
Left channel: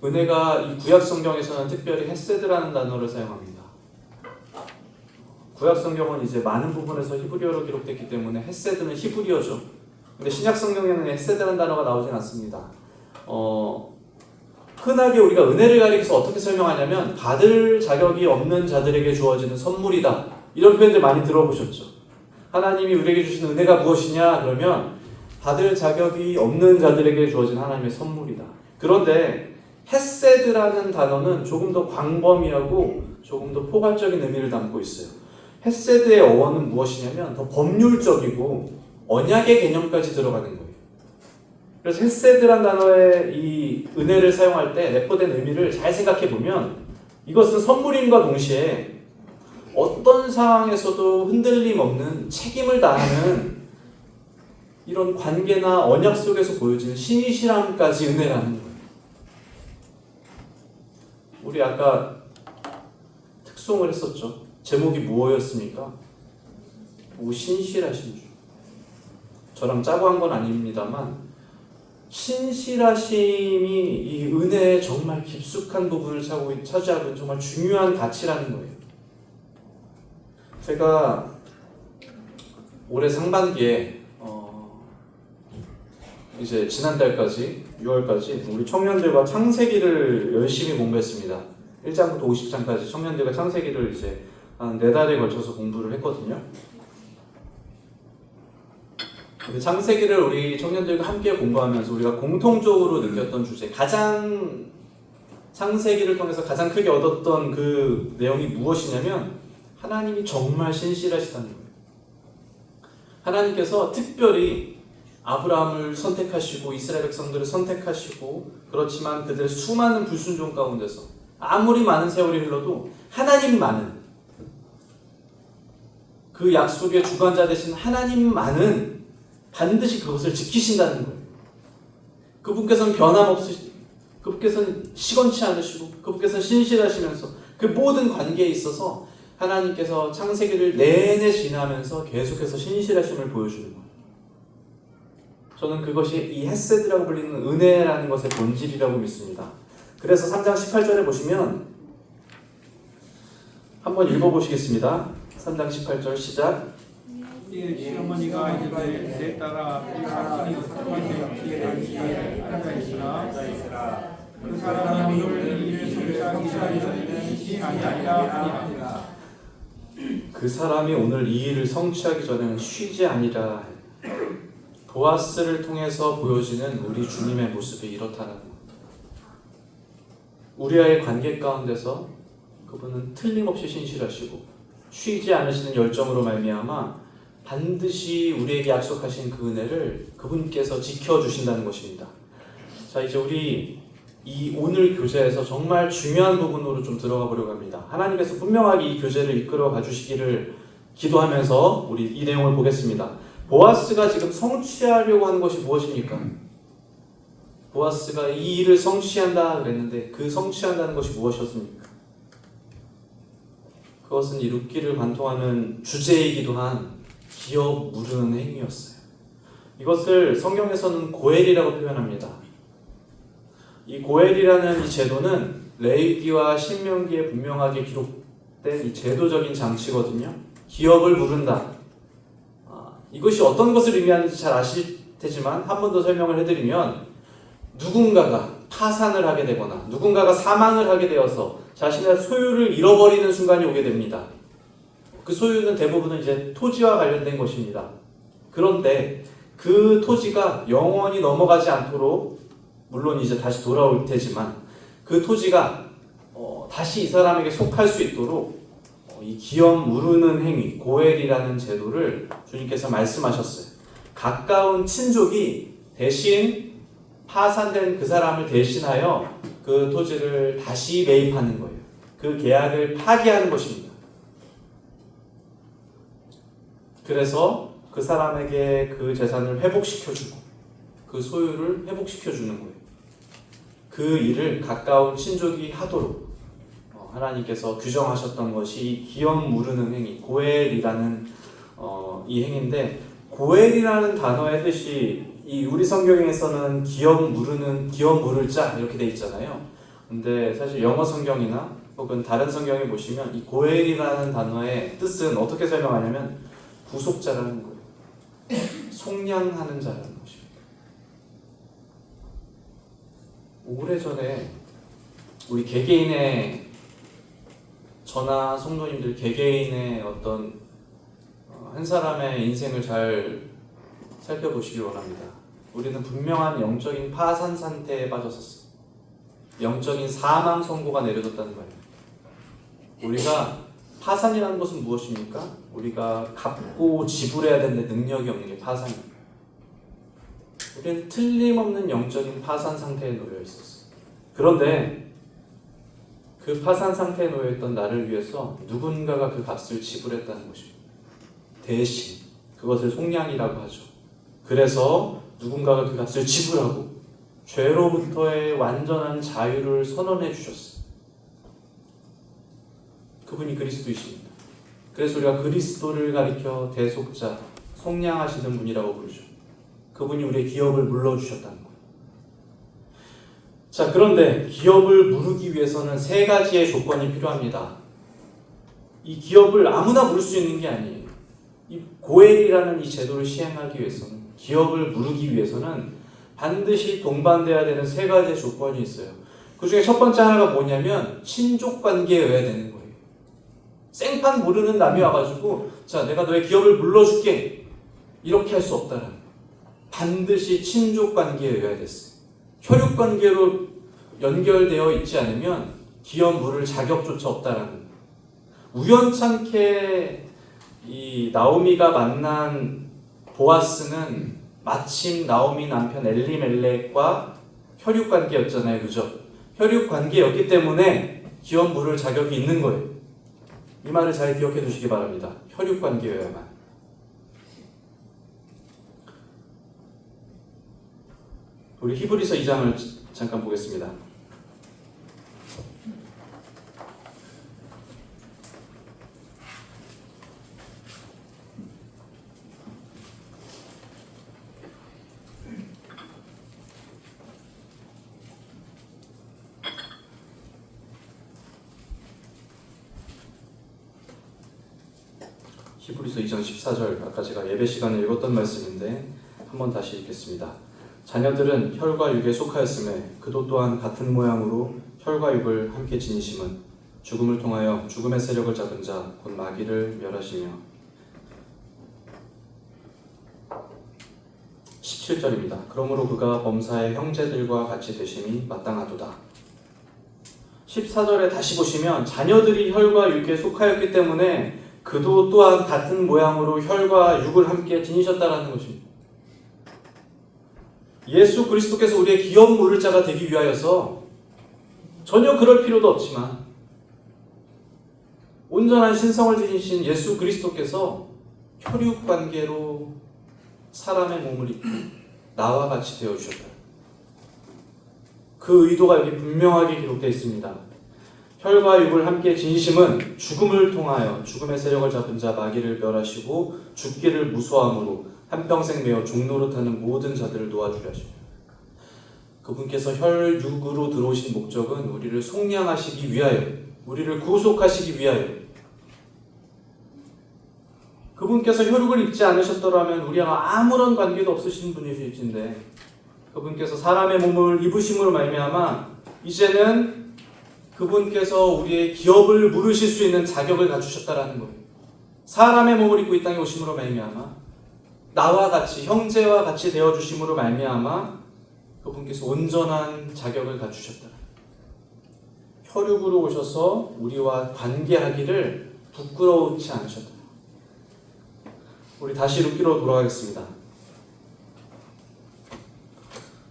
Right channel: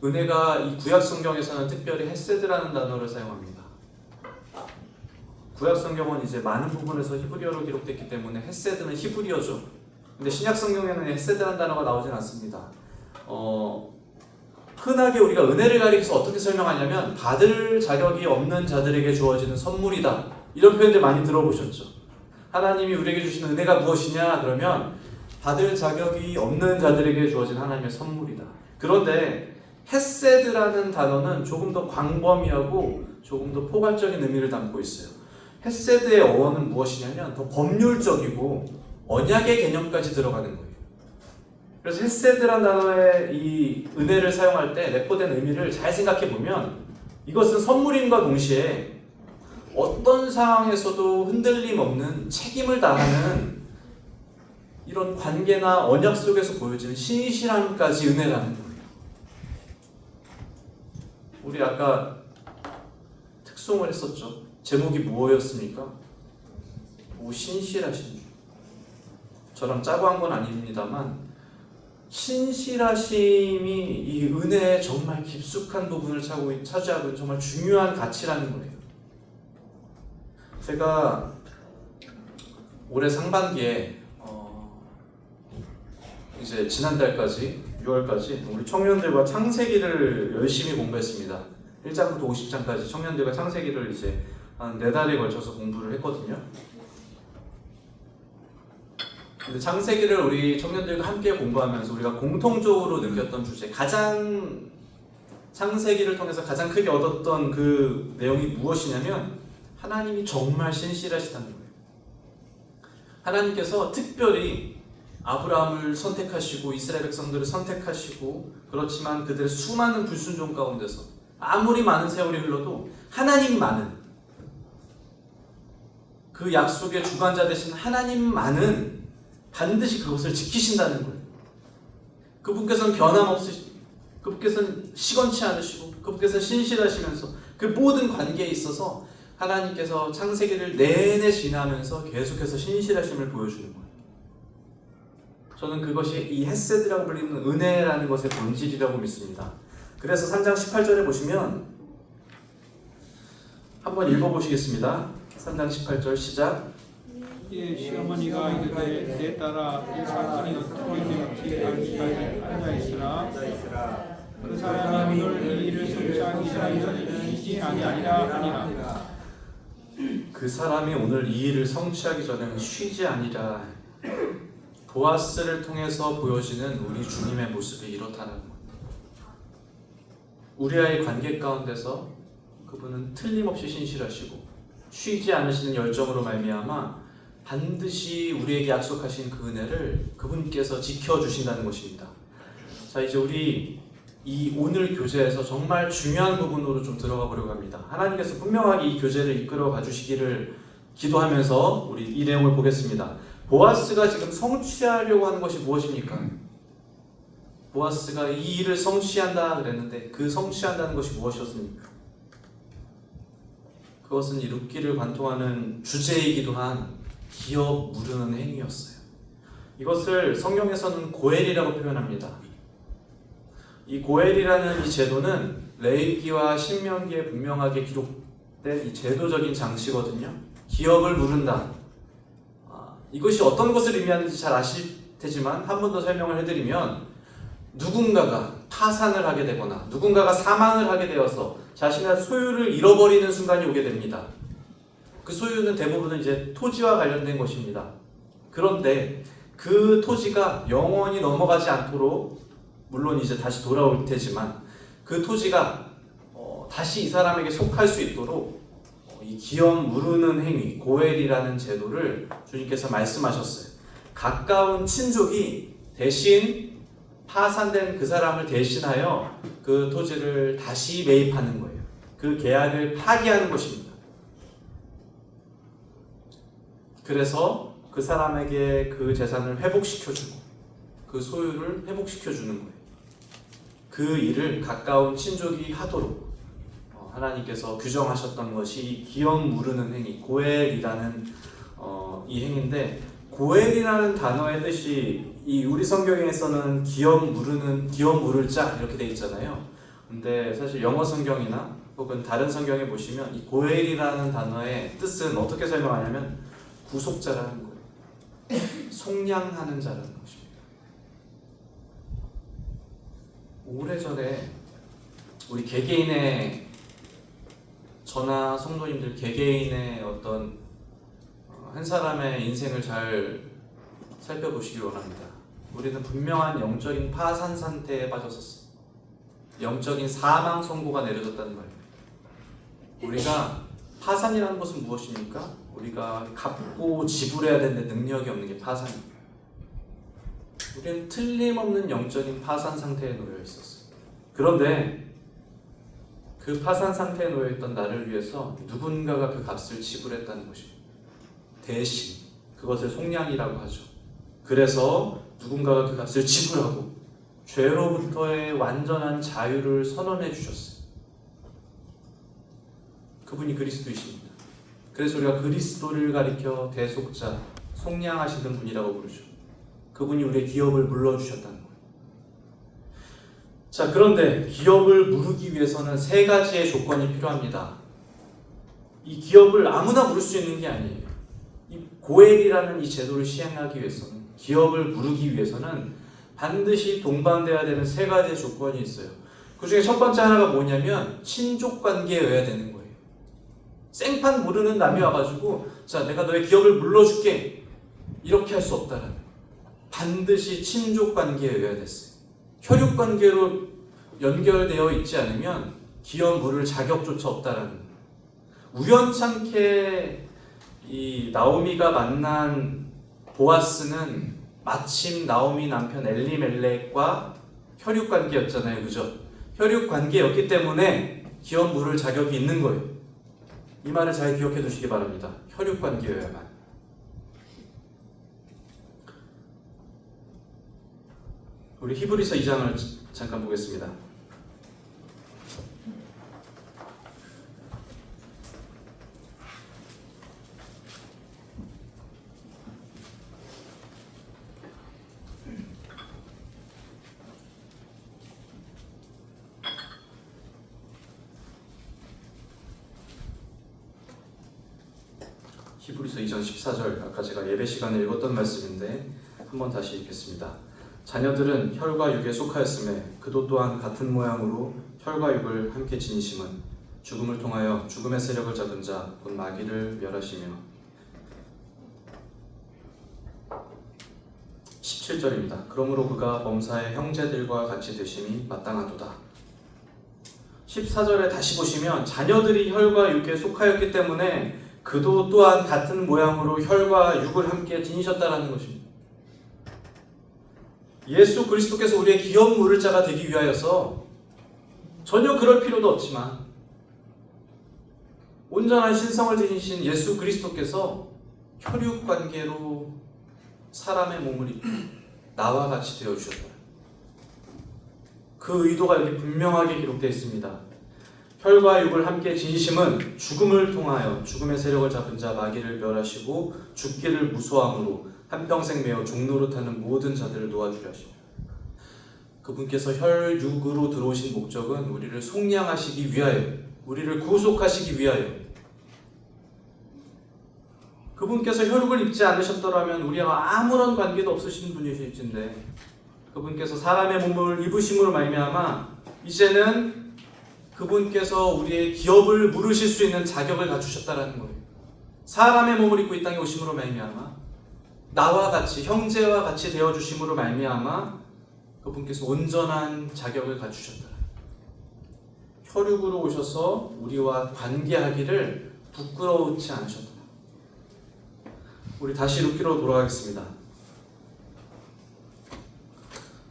은혜가 이 구약 성경에서는 특별히 헤세드라는 단어를 사용합니다. 구약 성경은 이제 많은 부분에서 히브리어로 기록됐기 때문에 헤세드는 히브리어죠. 근데 신약 성경에는 헤세드라는 단어가 나오진 않습니다. 흔하게 우리가 은혜를 가리켜서 어떻게 설명하냐면 받을 자격이 없는 자들에게 주어지는 선물이다, 이런 표현들 많이 들어보셨죠. 하나님이 우리에게 주시는 은혜가 무엇이냐 그러면 받을 자격이 없는 자들에게 주어진 하나님의 선물이다. 그런데 헤세드라는 단어는 조금 더 광범위하고 조금 더 포괄적인 의미를 담고 있어요. 헤세드의 어원은 무엇이냐면 더 법률적이고 언약의 개념까지 들어가는 거예요. 그래서 헤세드라는 단어의 이 은혜를 사용할 때 내포된 의미를 잘 생각해 보면 이것은 선물임과 동시에 어떤 상황에서도 흔들림 없는 책임을 다하는 이런 관계나 언약 속에서 보여지는 신실함까지 은혜라는 거예요. 우리 아까 특송을 했었죠. 제목이 뭐였습니까? 신실하신 주. 저랑 짜고 한 건 아닙니다만 신실하심이 이 은혜의 정말 깊숙한 부분을 차지하고 정말 중요한 가치라는 거예요. 제가 올해 상반기에 이제 지난달까지 6월까지 우리 청년들과 창세기를 열심히 공부했습니다. 1장부터 50장까지 청년들과 창세기를 이제 한 4달에 걸쳐서 공부를 했거든요. 창세기를 우리 청년들과 함께 공부하면서 우리가 공통적으로 느꼈던 주제, 창세기를 통해서 가장 크게 얻었던 그 내용이 무엇이냐면 하나님이 정말 신실하시다는 거예요. 하나님께서 특별히 아브라함을 선택하시고 이스라엘 백성들을 선택하시고, 그렇지만 그들의 수많은 불순종 가운데서 아무리 많은 세월이 흘러도 하나님만은, 그 약속의 주관자 되신 하나님만은 반드시 그것을 지키신다는 거예요. 그분께서는 변함없으시고 그분께서는 시건치 않으시고 그분께서 신실하시면서 그 모든 관계에 있어서 하나님께서 창세기를 내내 지나면서 계속해서 신실하심을 보여주는 거예요. 저는 그것이 이 헤세드라고 불리는 은혜라는 것의 본질이라고 믿습니다. 그래서 3장 18절에 보시면 한번 읽어보시겠습니다. 3장 18절 시작. 시어머니가 이르되 내 딸아 이 사람이 사건이 어떻게 여기에 앉아 있으나 그 사람이 오늘 이를 성취하기 전에는 시간이 아니라 그 사람이 오늘 이 일을 성취하기 전에는 쉬지 아니라. 보아스를 통해서 보여지는 우리 주님의 모습이 이렇다는 겁니다. 우리와의 관계 가운데서 그분은 틀림없이 신실하시고 쉬지 않으시는 열정으로 말미암아 반드시 우리에게 약속하신 그 은혜를 그분께서 지켜주신다는 것입니다. 자, 이제 우리 이 오늘 교제에서 정말 중요한 부분으로 좀 들어가 보려고 합니다. 하나님께서 분명하게 이 교제를 이끌어 가주시기를 기도하면서 우리 이 내용을 보겠습니다. 보아스가 지금 성취하려고 하는 것이 무엇입니까? 보아스가 이 일을 성취한다 그랬는데 그 성취한다는 것이 무엇이었습니까? 그것은 이 룻기를 관통하는 주제이기도 한 기업 무르는 행위였어요. 이것을 성경에서는 고엘이라고 표현합니다. 이 고엘이라는 이 제도는 레위기와 신명기에 분명하게 기록된 이 제도적인 장치거든요. 기업을 무른다. 이것이 어떤 것을 의미하는지 잘 아실 테지만 한 번 더 설명을 해드리면 누군가가 파산을 하게 되거나 누군가가 사망을 하게 되어서 자신의 소유를 잃어버리는 순간이 오게 됩니다. 그 소유는 대부분은 이제 토지와 관련된 것입니다. 그런데 그 토지가 영원히 넘어가지 않도록 물론 이제 다시 돌아올 테지만 그 토지가 다시 이 사람에게 속할 수 있도록 이 기업 무르는 행위, 고엘이라는 제도를 주님께서 말씀하셨어요. 가까운 친족이 대신 파산된 그 사람을 대신하여 그 토지를 다시 매입하는 거예요. 그 계약을 파기하는 것입니다. 그래서 그 사람에게 그 재산을 회복시켜주고 그 소유를 회복시켜주는 거예요. 그 일을 가까운 친족이 하도록 하나님께서 규정하셨던 것이 기업 무르는 행위, 고엘이라는 이 행위인데, 고엘이라는 단어의 뜻이 이 우리 성경에서는 기업 무를 자 이렇게 돼 있잖아요. 근데 사실 영어 성경이나 혹은 다른 성경에 보시면 이 고엘이라는 단어의 뜻은 어떻게 설명하냐면 구속자라는 거예요. 속량하는 자라는 것입니다. 오래전에 우리 개개인의 저나 성도님들 개개인의 어떤 한 사람의 인생을 잘 살펴보시기 바랍니다. 우리는 분명한 영적인 파산 상태에 빠졌었어. 영적인 사망 선고가 내려졌다는 말이에요. 우리가 파산이라는 것은 무엇입니까? 우리가 갚고 지불해야 되는 능력이 없는 게 파산입니다. 우리는 틀림없는 영적인 파산 상태에 놓여 있었어. 그런데 그 파산 상태에 놓여있던 나를 위해서 누군가가 그 값을 지불했다는 것입니다. 대신 그것을 속량이라고 하죠. 그래서 누군가가 그 값을 지불하고 죄로부터의 완전한 자유를 선언해 주셨어요. 그분이 그리스도이십니다. 그래서 우리가 그리스도를 가리켜 대속자, 속량하시는 분이라고 부르죠. 그분이 우리의 기업을 물러주셨다는 거예요. 자, 그런데 기업을 무르기 위해서는 세 가지의 조건이 필요합니다. 이 기업을 아무나 물을 수 있는 게 아니에요. 이 고엘이라는 이 제도를 시행하기 위해서는, 기업을 무르기 위해서는 반드시 동반돼야 되는 세 가지의 조건이 있어요. 그 중에 첫 번째 하나가 뭐냐면 친족 관계여야 되는 거예요. 생판 모르는 남이 와가지고 자, 내가 너의 기업을 물러줄게 이렇게 할 수 없다는 거예요. 반드시 친족 관계여야 됐어요. 혈육 관계로 연결되어 있지 않으면 기업 물을 자격조차 없다는 거예요. 우연찮게 이 나오미가 만난 보아스는 마침 나오미 남편 엘리멜렉과 혈육 관계였잖아요, 그죠? 혈육 관계였기 때문에 기업 물을 자격이 있는 거예요. 이 말을 잘 기억해 두시기 바랍니다. 혈육 관계여야만. 우리 히브리서 2장을 잠깐 보겠습니다. 히브리서 2장 14절, 아까 제가 예배 시간에 읽었던 말씀인데 한번 다시 읽겠습니다. 자녀들은 혈과 육에 속하였음에 그도 또한 같은 모양으로 혈과 육을 함께 지니심은 죽음을 통하여 죽음의 세력을 잡은 자 곧 마귀를 멸하시며. 17절입니다. 그러므로 그가 범사의 형제들과 같이 되심이 마땅하도다. 14절에 다시 보시면 자녀들이 혈과 육에 속하였기 때문에 그도 또한 같은 모양으로 혈과 육을 함께 지니셨다라는 것입니다. 예수 그리스도께서 우리의 기업 물을 자가 되기 위하여서 전혀 그럴 필요도 없지만 온전한 신성을 지니신 예수 그리스도께서 혈육 관계로 사람의 몸을 입고 나와 같이 되어 주셨다. 그 의도가 여기 분명하게 기록되어 있습니다. 혈과 육을 함께 지니심은 죽음을 통하여 죽음의 세력을 잡은 자 마귀를 멸하시고 죽기를 무소함으로 한평생 매어 종노릇하는 모든 자들을 도와주려 하십니다. 그분께서 혈육으로 들어오신 목적은 우리를 속량하시기 위하여, 우리를 구속하시기 위하여. 그분께서 혈육을 입지 않으셨더라면 우리와 아무런 관계도 없으신 분이실진데 그분께서 사람의 몸을 입으심으로 말미암아 이제는 그분께서 우리의 기업을 물으실 수 있는 자격을 갖추셨다라는 거예요. 사람의 몸을 입고 이 땅에 오심으로 말미암아 나와 같이 형제와 같이 되어 주심으로 말미암아 그분께서 온전한 자격을 갖추셨다. 혈육으로 오셔서 우리와 관계하기를 부끄러워치 않으셨다. 우리 다시 룻기로 돌아가겠습니다.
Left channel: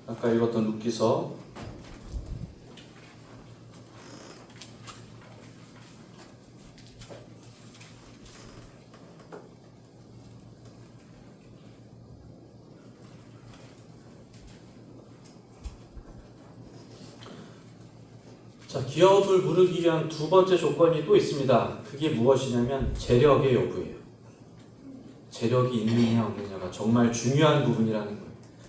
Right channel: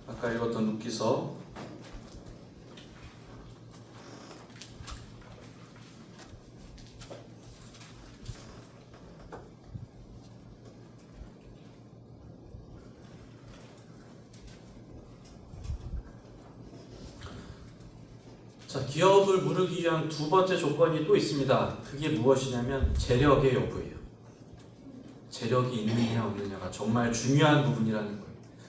아까 읽었던 룻기서 기업을 물으기 위한 두 번째 조건이 또 있습니다. 그게 무엇이냐면 재력의 여부예요. 재력이 있느냐 없느냐가 정말 중요한 부분이라는 거예요.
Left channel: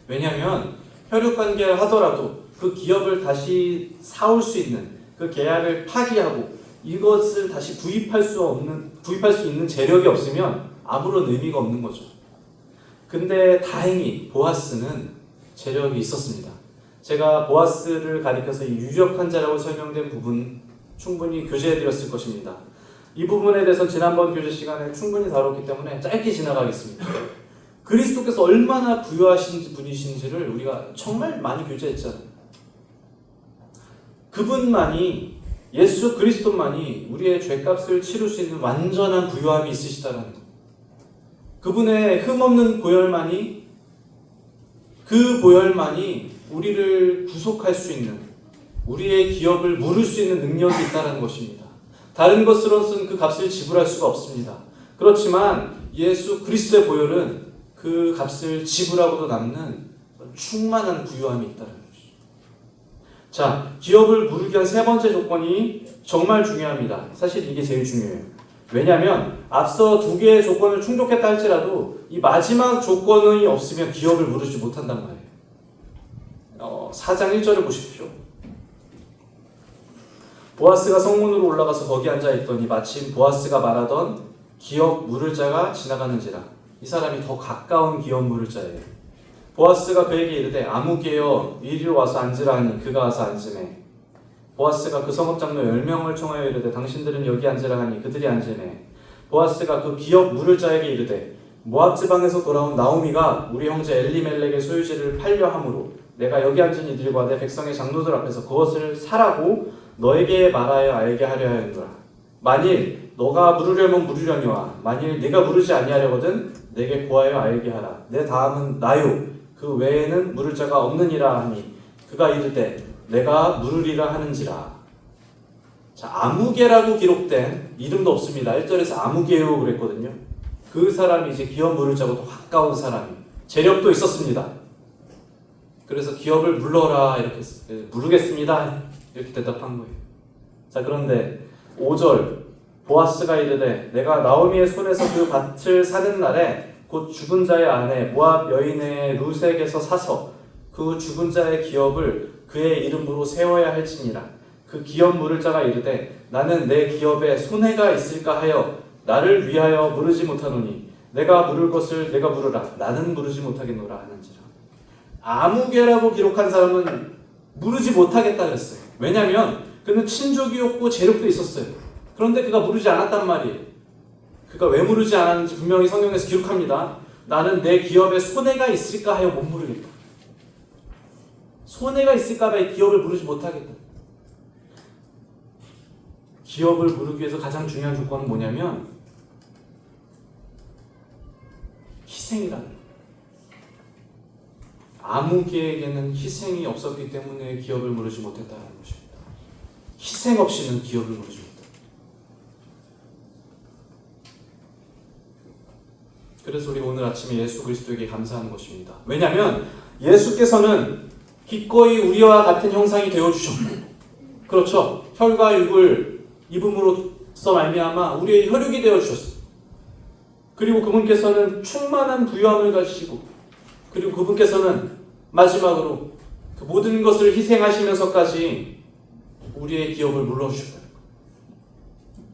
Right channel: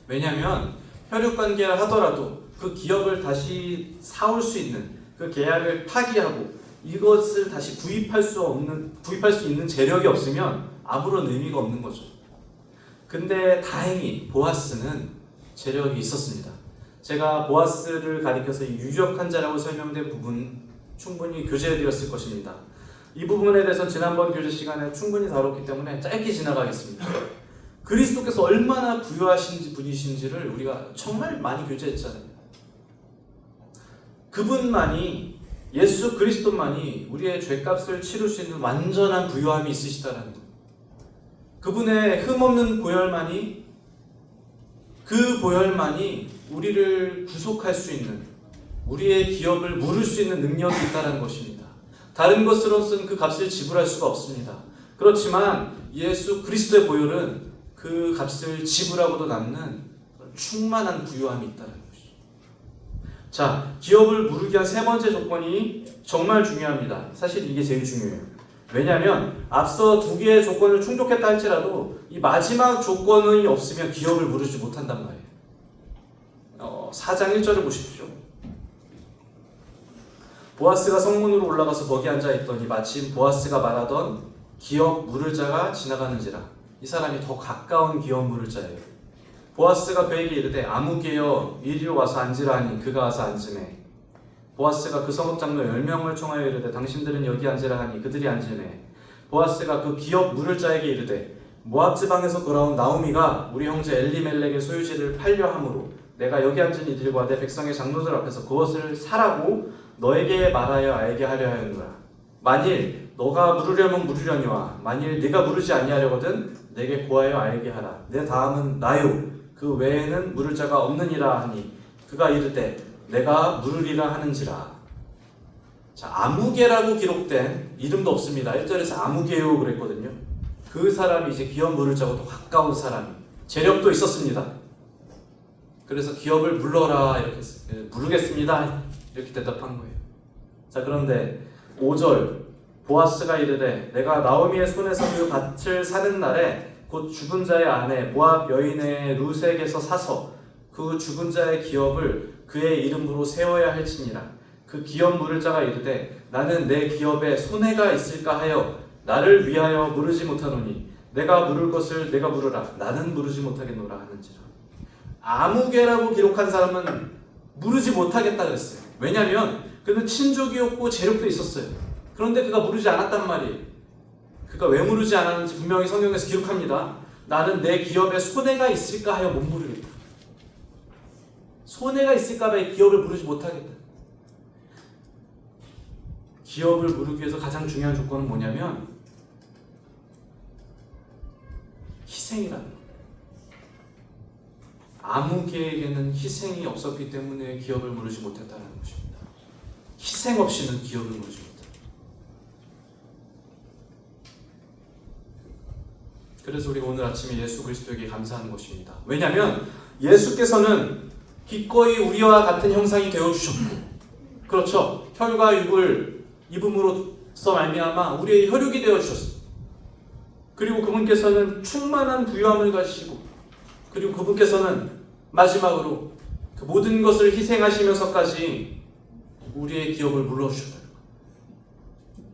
왜냐하면 혈육관계를 하더라도 그 기업을 다시 사올 수 있는 그 계약을 파기하고 이것을 다시 구입할 수 있는 재력이 없으면 아무런 의미가 없는 거죠. 근데 다행히 보아스는 재력이 있었습니다. 제가 보아스를 가리켜서 유력한 자라고 설명된 부분 충분히 교제해드렸을 것입니다. 이 부분에 대해서 지난번 교제 시간에 충분히 다뤘기 때문에 짧게 지나가겠습니다. 그리스도께서 얼마나 부유하신 분이신지를 우리가 정말 많이 교제했잖아요. 그분만이, 예수 그리스도만이 우리의 죄값을 치를 수 있는 완전한 부유함이 있으시다는 거예요. 그분의 흠없는 보혈만이, 그 보혈만이 우리를 구속할 수 있는, 우리의 기업을 물을 수 있는 능력이 있다는 것입니다. 다른 것으로서는 그 값을 지불할 수가 없습니다. 그렇지만 예수 그리스도의 보혈은 그 값을 지불하고도 남는 충만한 부유함이 있다는 것이죠. 자, 기업을 물기 위한 세 번째 조건이 정말 중요합니다. 사실 이게 제일 중요해요. 왜냐하면 앞서 두 개의 조건을 충족했다 할지라도 이 마지막 조건이 없으면 기업을 물으지 못한단 말이에요. 4장 1절을 보십시오. 보아스가 성문으로 올라가서 거기 앉아있더니 마침 보아스가 말하던 기업 물을 자가 지나가는지라. 이 사람이 더 가까운 기업 물을 자예요. 보아스가 그에게 이르되 아무개여 이리로 와서 앉으라 하니 그가 와서 앉으매. 보아스가 그 성읍장로 10명을 청하여 이르되 당신들은 여기 앉으라 하니 그들이 앉으매. 보아스가 그 기업 물을 자에게 이르되 모압 지방에서 돌아온 나오미가 우리 형제 엘리멜렉의 소유지를 팔려 함으로 내가 여기 앉은 이들과 내 백성의 장로들 앞에서 그것을 사라고 너에게 말하여 알게 하려 하는구나. 만일 너가 물으려면 물으려니와 만일 네가 물으지 아니하려거든 내게 구하여 알게 하라. 내 다음은 나요. 그 외에는 물을 자가 없느니라 하니 그가 이르되 내가 물으리라 하는지라. 자, 아무개라고 기록된 이름도 없습니다. 1절에서 아무개요 그랬거든요. 그 사람이 이제 기업 물을 자고 더 가까운 사람이 재력도 있었습니다. 그래서 기업을 물러라 이렇게 했어요. 모르겠습니다 이렇게 대답한 거예요. 자, 그런데 5절 보아스가 이르되 내가 나오미의 손에서 그 밭을 사는 날에 곧 죽은 자의 아내 모압 여인의 룻에게서 사서 그 죽은 자의 기업을 그의 이름으로 세워야 할지니라. 그 기업 물을 자가 이르되 나는 내 기업에 손해가 있을까 하여 나를 위하여 물으지 못하노니 내가 물을 것을 내가 물으라. 나는 물으지 못하겠노라 하는지라. 아무개라고 기록한 사람은 물으지 못하겠다 그랬어요. 왜냐하면 그는 친족이었고 재력도 있었어요. 그런데 그가 물으지 않았단 말이에요. 그가 왜 물으지 않았는지 분명히 성경에서 기록합니다. 나는 내 기업에 손해가 있을까 하여 못 물으겠다. 손해가 있을까 봐 기업을 물으지 못하겠다. 기업을 물기 위해서 가장 중요한 조건은 뭐냐면 희생이라는 거예요. 아무개에게는 희생이 없었기 때문에 기업을 물으지 못했다는 것입니다. 희생 없이는 기업을 물으지 못했다. 그래서 우리가 오늘 아침에 예수 그리스도에게 감사하는 것입니다. 왜냐하면 예수께서는 기꺼이 우리와 같은 형상이 되어주셨고, 그렇죠? 혈과 육을 입음으로써 말미암아 우리의 혈육이 되어주셨어요. 그리고 그분께서는 충만한 부유함을 가지시고, 그리고 그분께서는 마지막으로 그 모든 것을 희생하시면서까지 우리의 기업을 물러주셨다.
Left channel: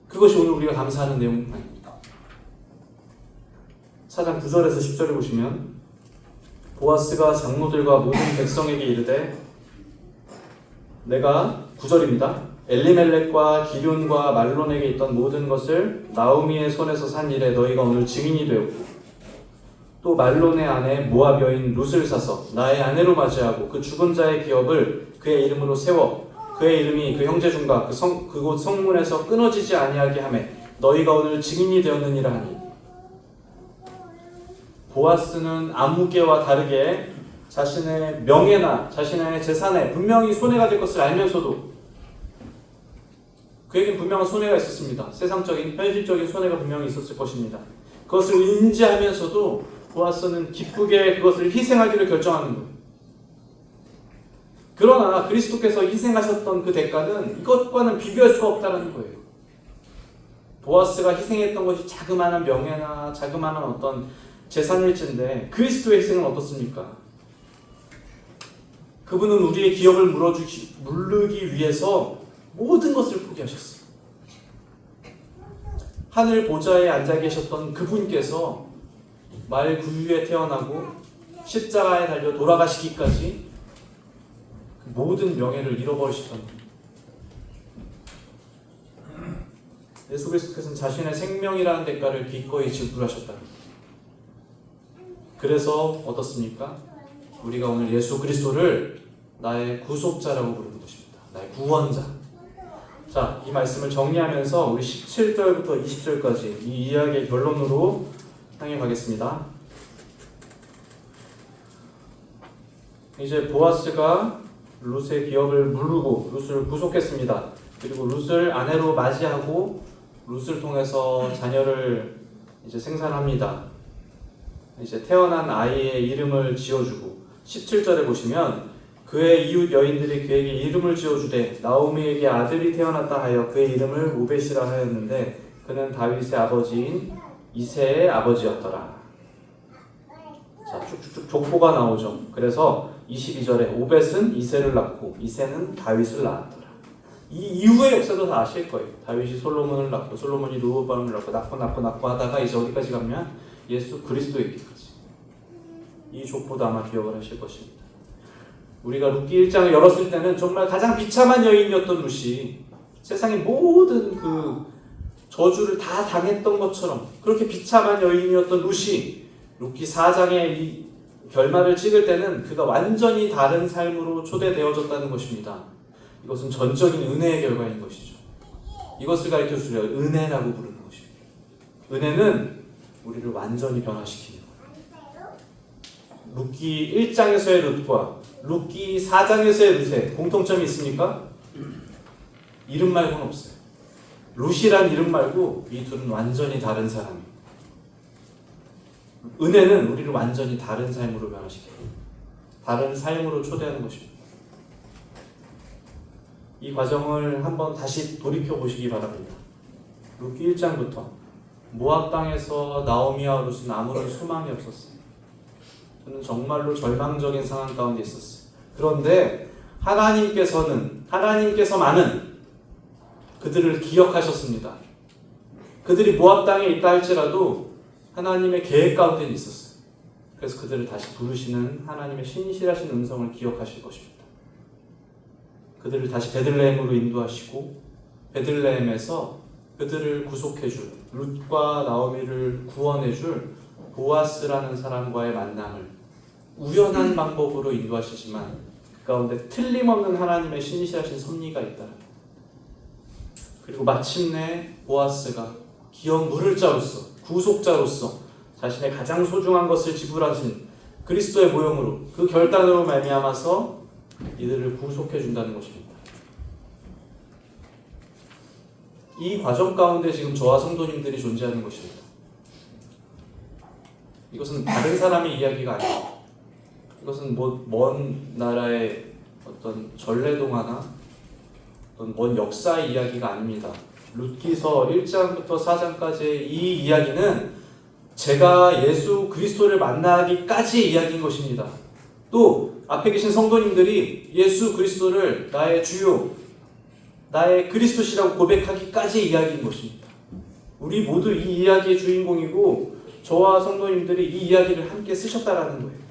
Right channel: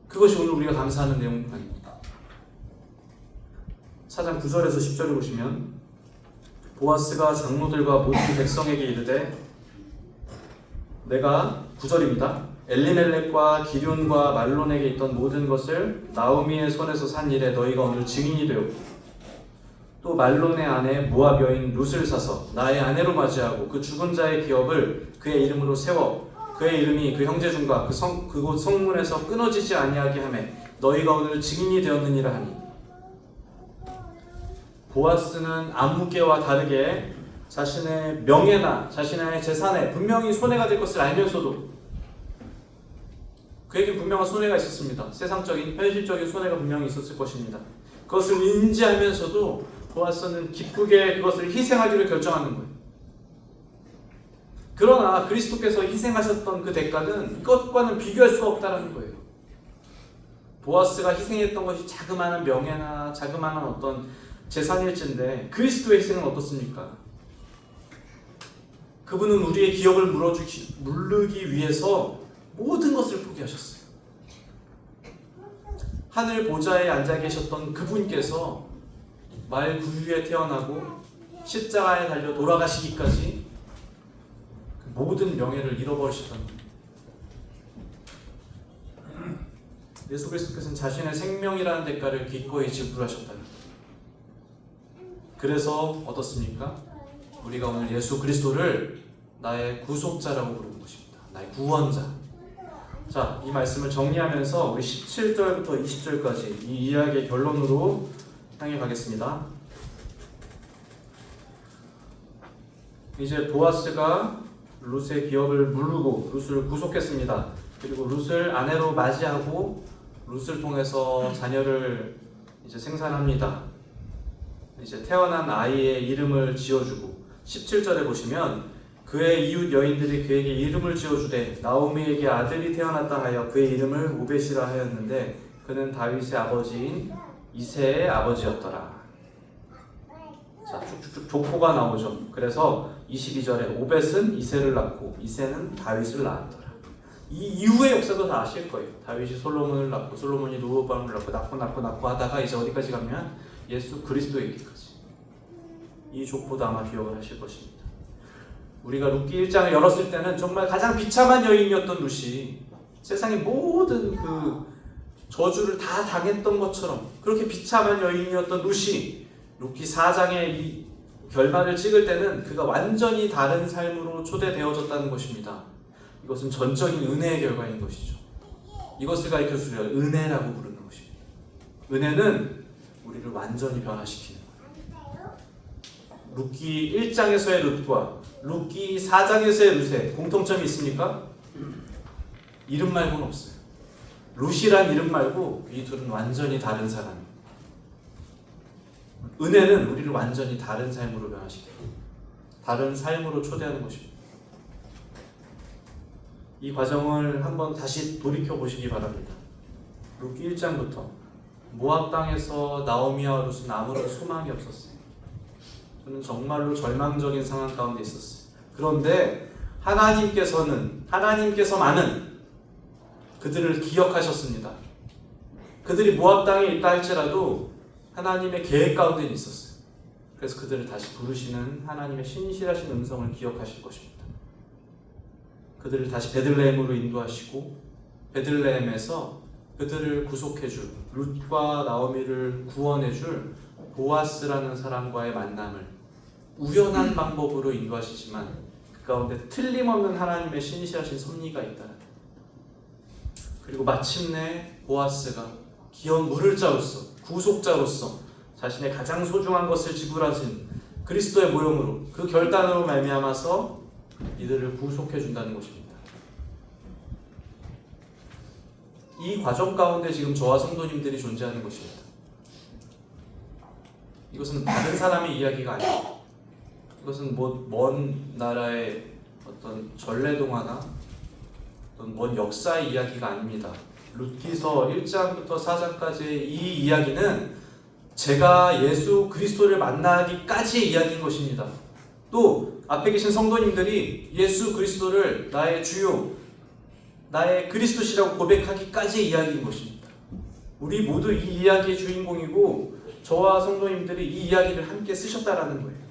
그것이 오늘 우리가 감사하는 내용입니다. 4장 9절에서 10절을 보시면 보아스가 장로들과 모든 백성에게 이르되 내가 9절입니다. 엘리멜렉과 기륜과 말론에게 있던 모든 것을 나오미의 손에서 산 일에 너희가 오늘 증인이 되었고 또 말론의 아내 모압 여인 룻을 사서 나의 아내로 맞이하고 그 죽은 자의 기업을 그의 이름으로 세워 그의 이름이 그 형제 중과 그곳 성문에서 끊어지지 아니하게 하며 너희가 오늘 증인이 되었느니라 하니. 보아스는 아무개와 다르게 자신의 명예나 자신의 재산에 분명히 손해가 될 것을 알면서도 그에게 분명한 손해가 있었습니다. 세상적인 현실적인 손해가 분명히 있었을 것입니다. 그것을 인지하면서도 보아스는 기쁘게 그것을 희생하기로 결정하는 거예요. 그러나 그리스도께서 희생하셨던 그 대가는 이것과는 비교할 수가 없다는 거예요. 보아스가 희생했던 것이 자그마한 명예나 자그마한 어떤 재산일진데 그리스도의 희생은 어떻습니까? 그분은 우리의 기업을 물르기 위해서 모든 것을 포기하셨어요. 하늘 보좌에 앉아 계셨던 그분께서 말 구유에 태어나고 십자가에 달려 돌아가시기까지 모든 명예를 잃어버리셨던 예수 그리스도께서는 자신의 생명이라는 대가를 기꺼이 지불하셨다는 거예요. 그래서 어떻습니까? 우리가 오늘 예수 그리스도를 나의 구속자라고 부르는 것입니다. 나의 구원자. 자, 이 말씀을 정리하면서 우리 17절부터 20절까지 이 이야기의 결론으로 향해 가겠습니다. 이제 보아스가 룻의 기업을 물르고 룻을 구속했습니다. 그리고 룻을 아내로 맞이하고 룻을 통해서 자녀를 이제 생산합니다. 이제 태어난 아이의 이름을 지어주고 17절에 보시면 그의 이웃 여인들이 그에게 이름을 지어주되 나오미에게 아들이 태어났다 하여 그의 이름을 오벳이라 하였는데 그는 다윗의 아버지인 이새의 아버지였더라. 자, 쭉쭉쭉 족보가 나오죠. 그래서 22절에 오벳은 이새를 낳고 이새는 다윗을 낳았더라. 이 이후의 역사도 다 아실 거예요. 다윗이 솔로몬을 낳고 솔로몬이 르호보암을 낳고 하다가 이제 어디까지 가면 예수 그리스도에게까지. 이 족보도 아마 기억을 하실 것입니다. 우리가 룻기 1장을 열었을 때는 정말 가장 비참한 여인이었던 룻이 세상의 모든 그 저주를 다 당했던 것처럼 그렇게 비참한 여인이었던 룻이 룻기 4장의 이 결말을 찍을 때는 그가 완전히 다른 삶으로 초대되어졌다는 것입니다. 이것은 전적인 은혜의 결과인 것이죠. 이것을 가르쳐주려 은혜라고 부르는 것입니다. 은혜는 우리를 완전히 변화시킵니다. 룻기 1장에서의 룻과 룻기 4장에서의 룻에 공통점이 있습니까? 이름 말고는 없어요. 룻이란 이름 말고 이 둘은 완전히 다른 사람입니다. 은혜는 우리를 완전히 다른 삶으로 변화시킵니다. 다른 삶으로 초대하는 것입니다. 이 과정을 한번 다시 돌이켜 보시기 바랍니다. 룻기 1장부터 모압 땅에서 나오미와 룻은 아무런 소망이 없었어요. 그는 정말로 절망적인 상황 가운데 있었어요. 그런데 하나님께서만은 그들을 기억하셨습니다. 그들이 모압 땅에 있다 할지라도 하나님의 계획 가운데 있었어요. 그래서 그들을 다시 부르시는 하나님의 신실하신 음성을 기억하실 것입니다. 그들을 다시 베들레헴으로 인도하시고 베들레헴에서 그들을 구속해줄 룻과 나오미를 구원해줄 보아스라는 사람과의 만남을 우연한 방법으로 인도하시지만 그 가운데 틀림없는 하나님의 신실하신 섭리가 있다. 그리고 마침내 보아스가 기업 물을 자로서 구속자로서 자신의 가장 소중한 것을 지불하신 그리스도의 모형으로 그 결단으로 말미암아서 이들을 구속해 준다는 것입니다. 이 과정 가운데 지금 저와 성도님들이 존재하는 것입니다. 이것은 다른 사람의 이야기가 아니에요. 이것은 먼 나라의 어떤 전래동화나 어떤 먼 역사의 이야기가 아닙니다. 룻기서 1장부터 4장까지의 이 이야기는 제가 예수 그리스도를 만나기까지의 이야기인 것입니다. 또 앞에 계신 성도님들이 예수 그리스도를 나의 주요, 나의 그리스도시라고 고백하기까지의 이야기인 것입니다. 우리 모두 이 이야기의 주인공이고 저와 성도님들이 이 이야기를 함께 쓰셨다라는 거예요.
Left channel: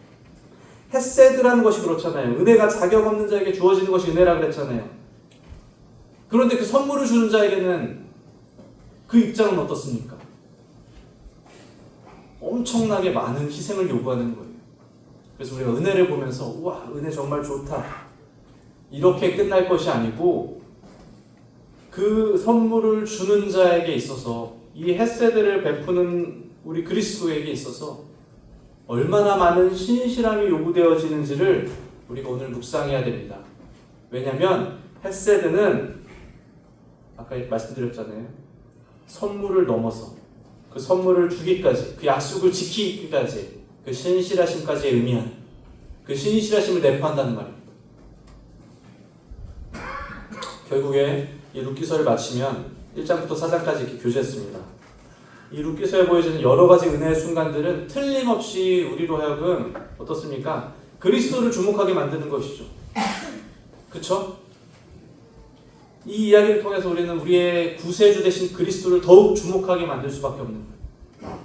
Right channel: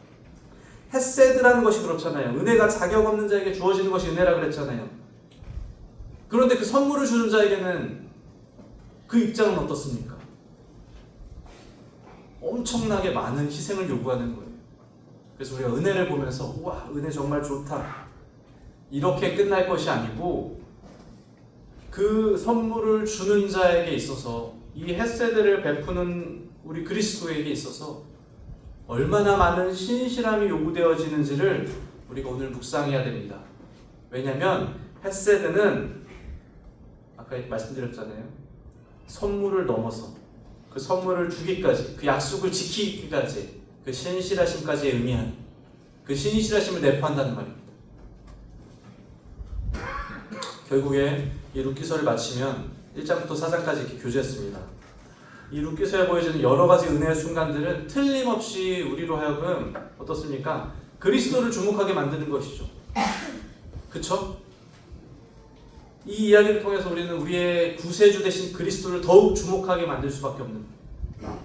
헤세드라는 것이 그렇잖아요. 은혜가 자격 없는 자에게 주어지는 것이 은혜라고 그랬잖아요. 그런데 그 선물을 주는 자에게는 그 입장은 어떻습니까? 엄청나게 많은 희생을 요구하는 거예요. 그래서 우리가 은혜를 보면서 우와, 은혜 정말 좋다, 이렇게 끝날 것이 아니고 그 선물을 주는 자에게 있어서, 이 헤세드를 베푸는 우리 그리스도에게 있어서 얼마나 많은 신실함이 요구되어지는지를 우리가 오늘 묵상해야 됩니다. 왜냐하면 헤세드는 아까 말씀드렸잖아요. 선물을 넘어서 그 선물을 주기까지, 그 약속을 지키기까지, 그 신실하심까지 의미한 그 신실하심을 내포한다는 말입니다. 결국에 이 룻기서를 마치면 1장부터 4장까지 이렇게 교제했습니다. 이 룻기서에 보여지는 여러 가지 은혜의 순간들은 틀림없이 우리로 하여금 어떻습니까? 그리스도를 주목하게 만드는 것이죠. 그쵸? 이 이야기를 통해서 우리는 우리의 구세주 되신 그리스도를 더욱 주목하게 만들 수밖에 없는 거예요.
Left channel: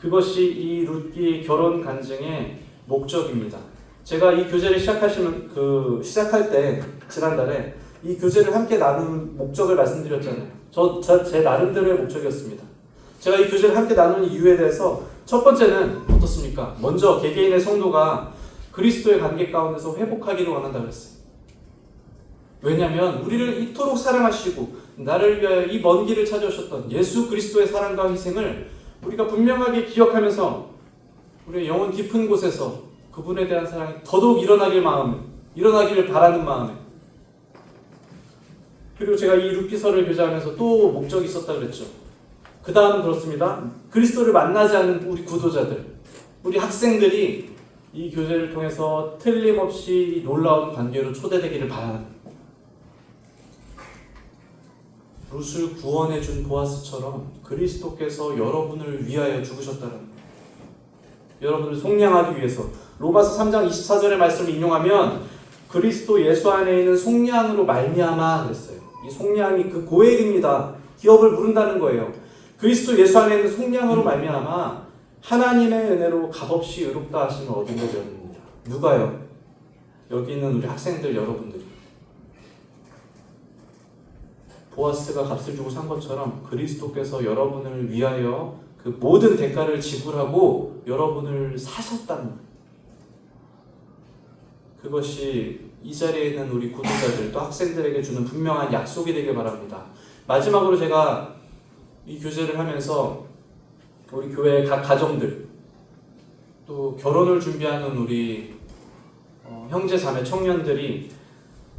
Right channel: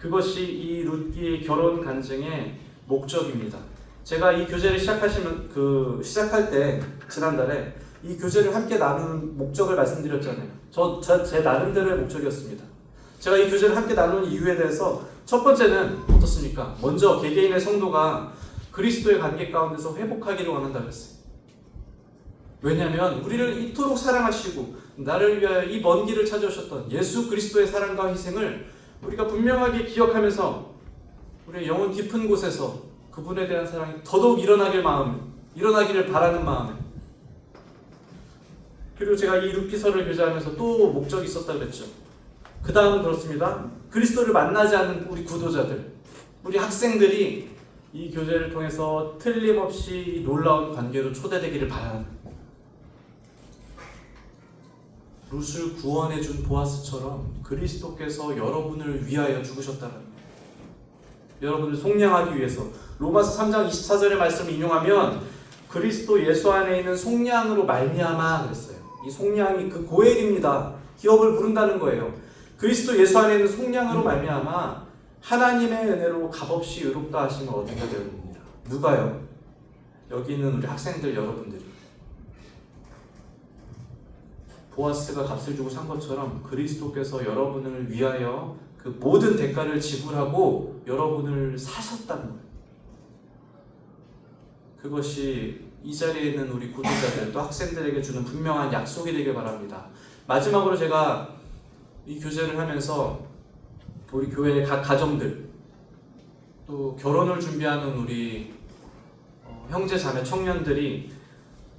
그것이 이 룻기 결혼 간증의 목적입니다. 제가 이 교제를 시작할 때 지난달에 이 교제를 함께 나누는 목적을 말씀드렸잖아요. 제 나름대로의 목적이었습니다. 제가 이 교제를 함께 나누는 이유에 대해서 첫 번째는 어떻습니까? 먼저 개개인의 성도가 그리스도의 관계 가운데서 회복하기를 원한다고 했어요. 왜냐하면 우리를 이토록 사랑하시고 나를 위하여 이 먼 길을 찾아오셨던 예수 그리스도의 사랑과 희생을 우리가 분명하게 기억하면서 우리의 영혼 깊은 곳에서 그분에 대한 사랑이 더더욱 일어나기를 바라는 마음에, 그리고 제가 이 룻기서를 교제하면서 또 목적이 있었다고 그랬죠. 그 다음은 그렇습니다. 그리스도를 만나지 않는 우리 구도자들, 우리 학생들이 이 교제를 통해서 틀림없이 놀라운 관계로 초대되기를 바라는 거예요. 룻을 구원해준 보아스처럼 그리스도께서 여러분을 위하여 죽으셨다는 거예요. 여러분을 속량하기 위해서. 로마서 3장 24절의 말씀을 인용하면 그리스도 예수 안에 있는 속량으로 말미암아 그랬어요. 이 속량이 그 고엘입니다. 기업을 부른다는 거예요. 그리스도 예수 안에 있는 속량으로 말미암아 하나님의 은혜로 값없이 의롭다 하심을 얻은 것 되었습니다. 누가요? 여기 있는 우리 학생들 여러분들. 보아스가 값을 주고 산 것처럼 그리스도께서 여러분을 위하여 그 모든 대가를 지불하고 여러분을 사셨다는 거예요. 그것이 이 자리에 있는 우리 구독자들 또 학생들에게 주는 분명한 약속이 되길 바랍니다. 마지막으로 제가 이 교제를 하면서 우리 교회의 각 가정들, 또 결혼을 준비하는 우리 형제 자매 청년들이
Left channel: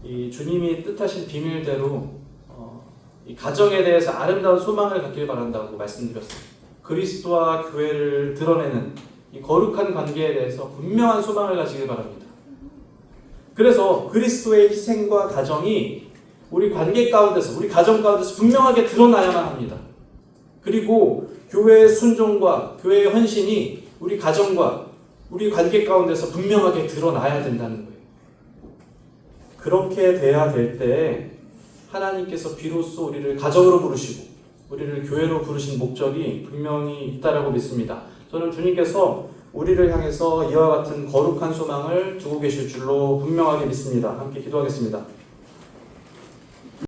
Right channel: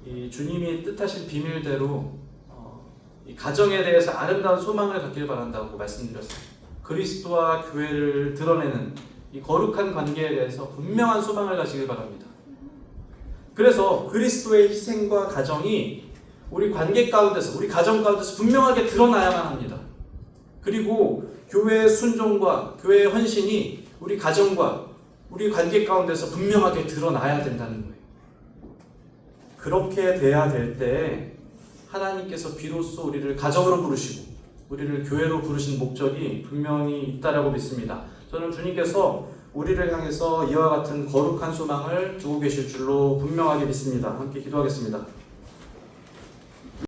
이 주님이 뜻하신 비밀대로 이 가정에 대해서 아름다운 소망을 갖길 바란다고 말씀드렸어요. 그리스도와 교회를 드러내는 이 거룩한 관계에 대해서 분명한 소망을 가지길 바랍니다. 그래서 그리스도의 희생과 가정이 우리 관계 가운데서, 우리 가정 가운데서 분명하게 드러나야만 합니다. 그리고 교회의 순종과 교회의 헌신이 우리 가정과 우리 관계 가운데서 분명하게 드러나야 된다는 거예요. 그렇게 돼야 될 때 하나님께서 비로소 우리를 가정으로 부르시고 우리를 교회로 부르신 목적이 분명히 있다라고 믿습니다. 저는 주님께서 우리를 향해서 이와 같은 거룩한 소망을 두고 계실 줄로 분명하게 믿습니다. 함께 기도하겠습니다.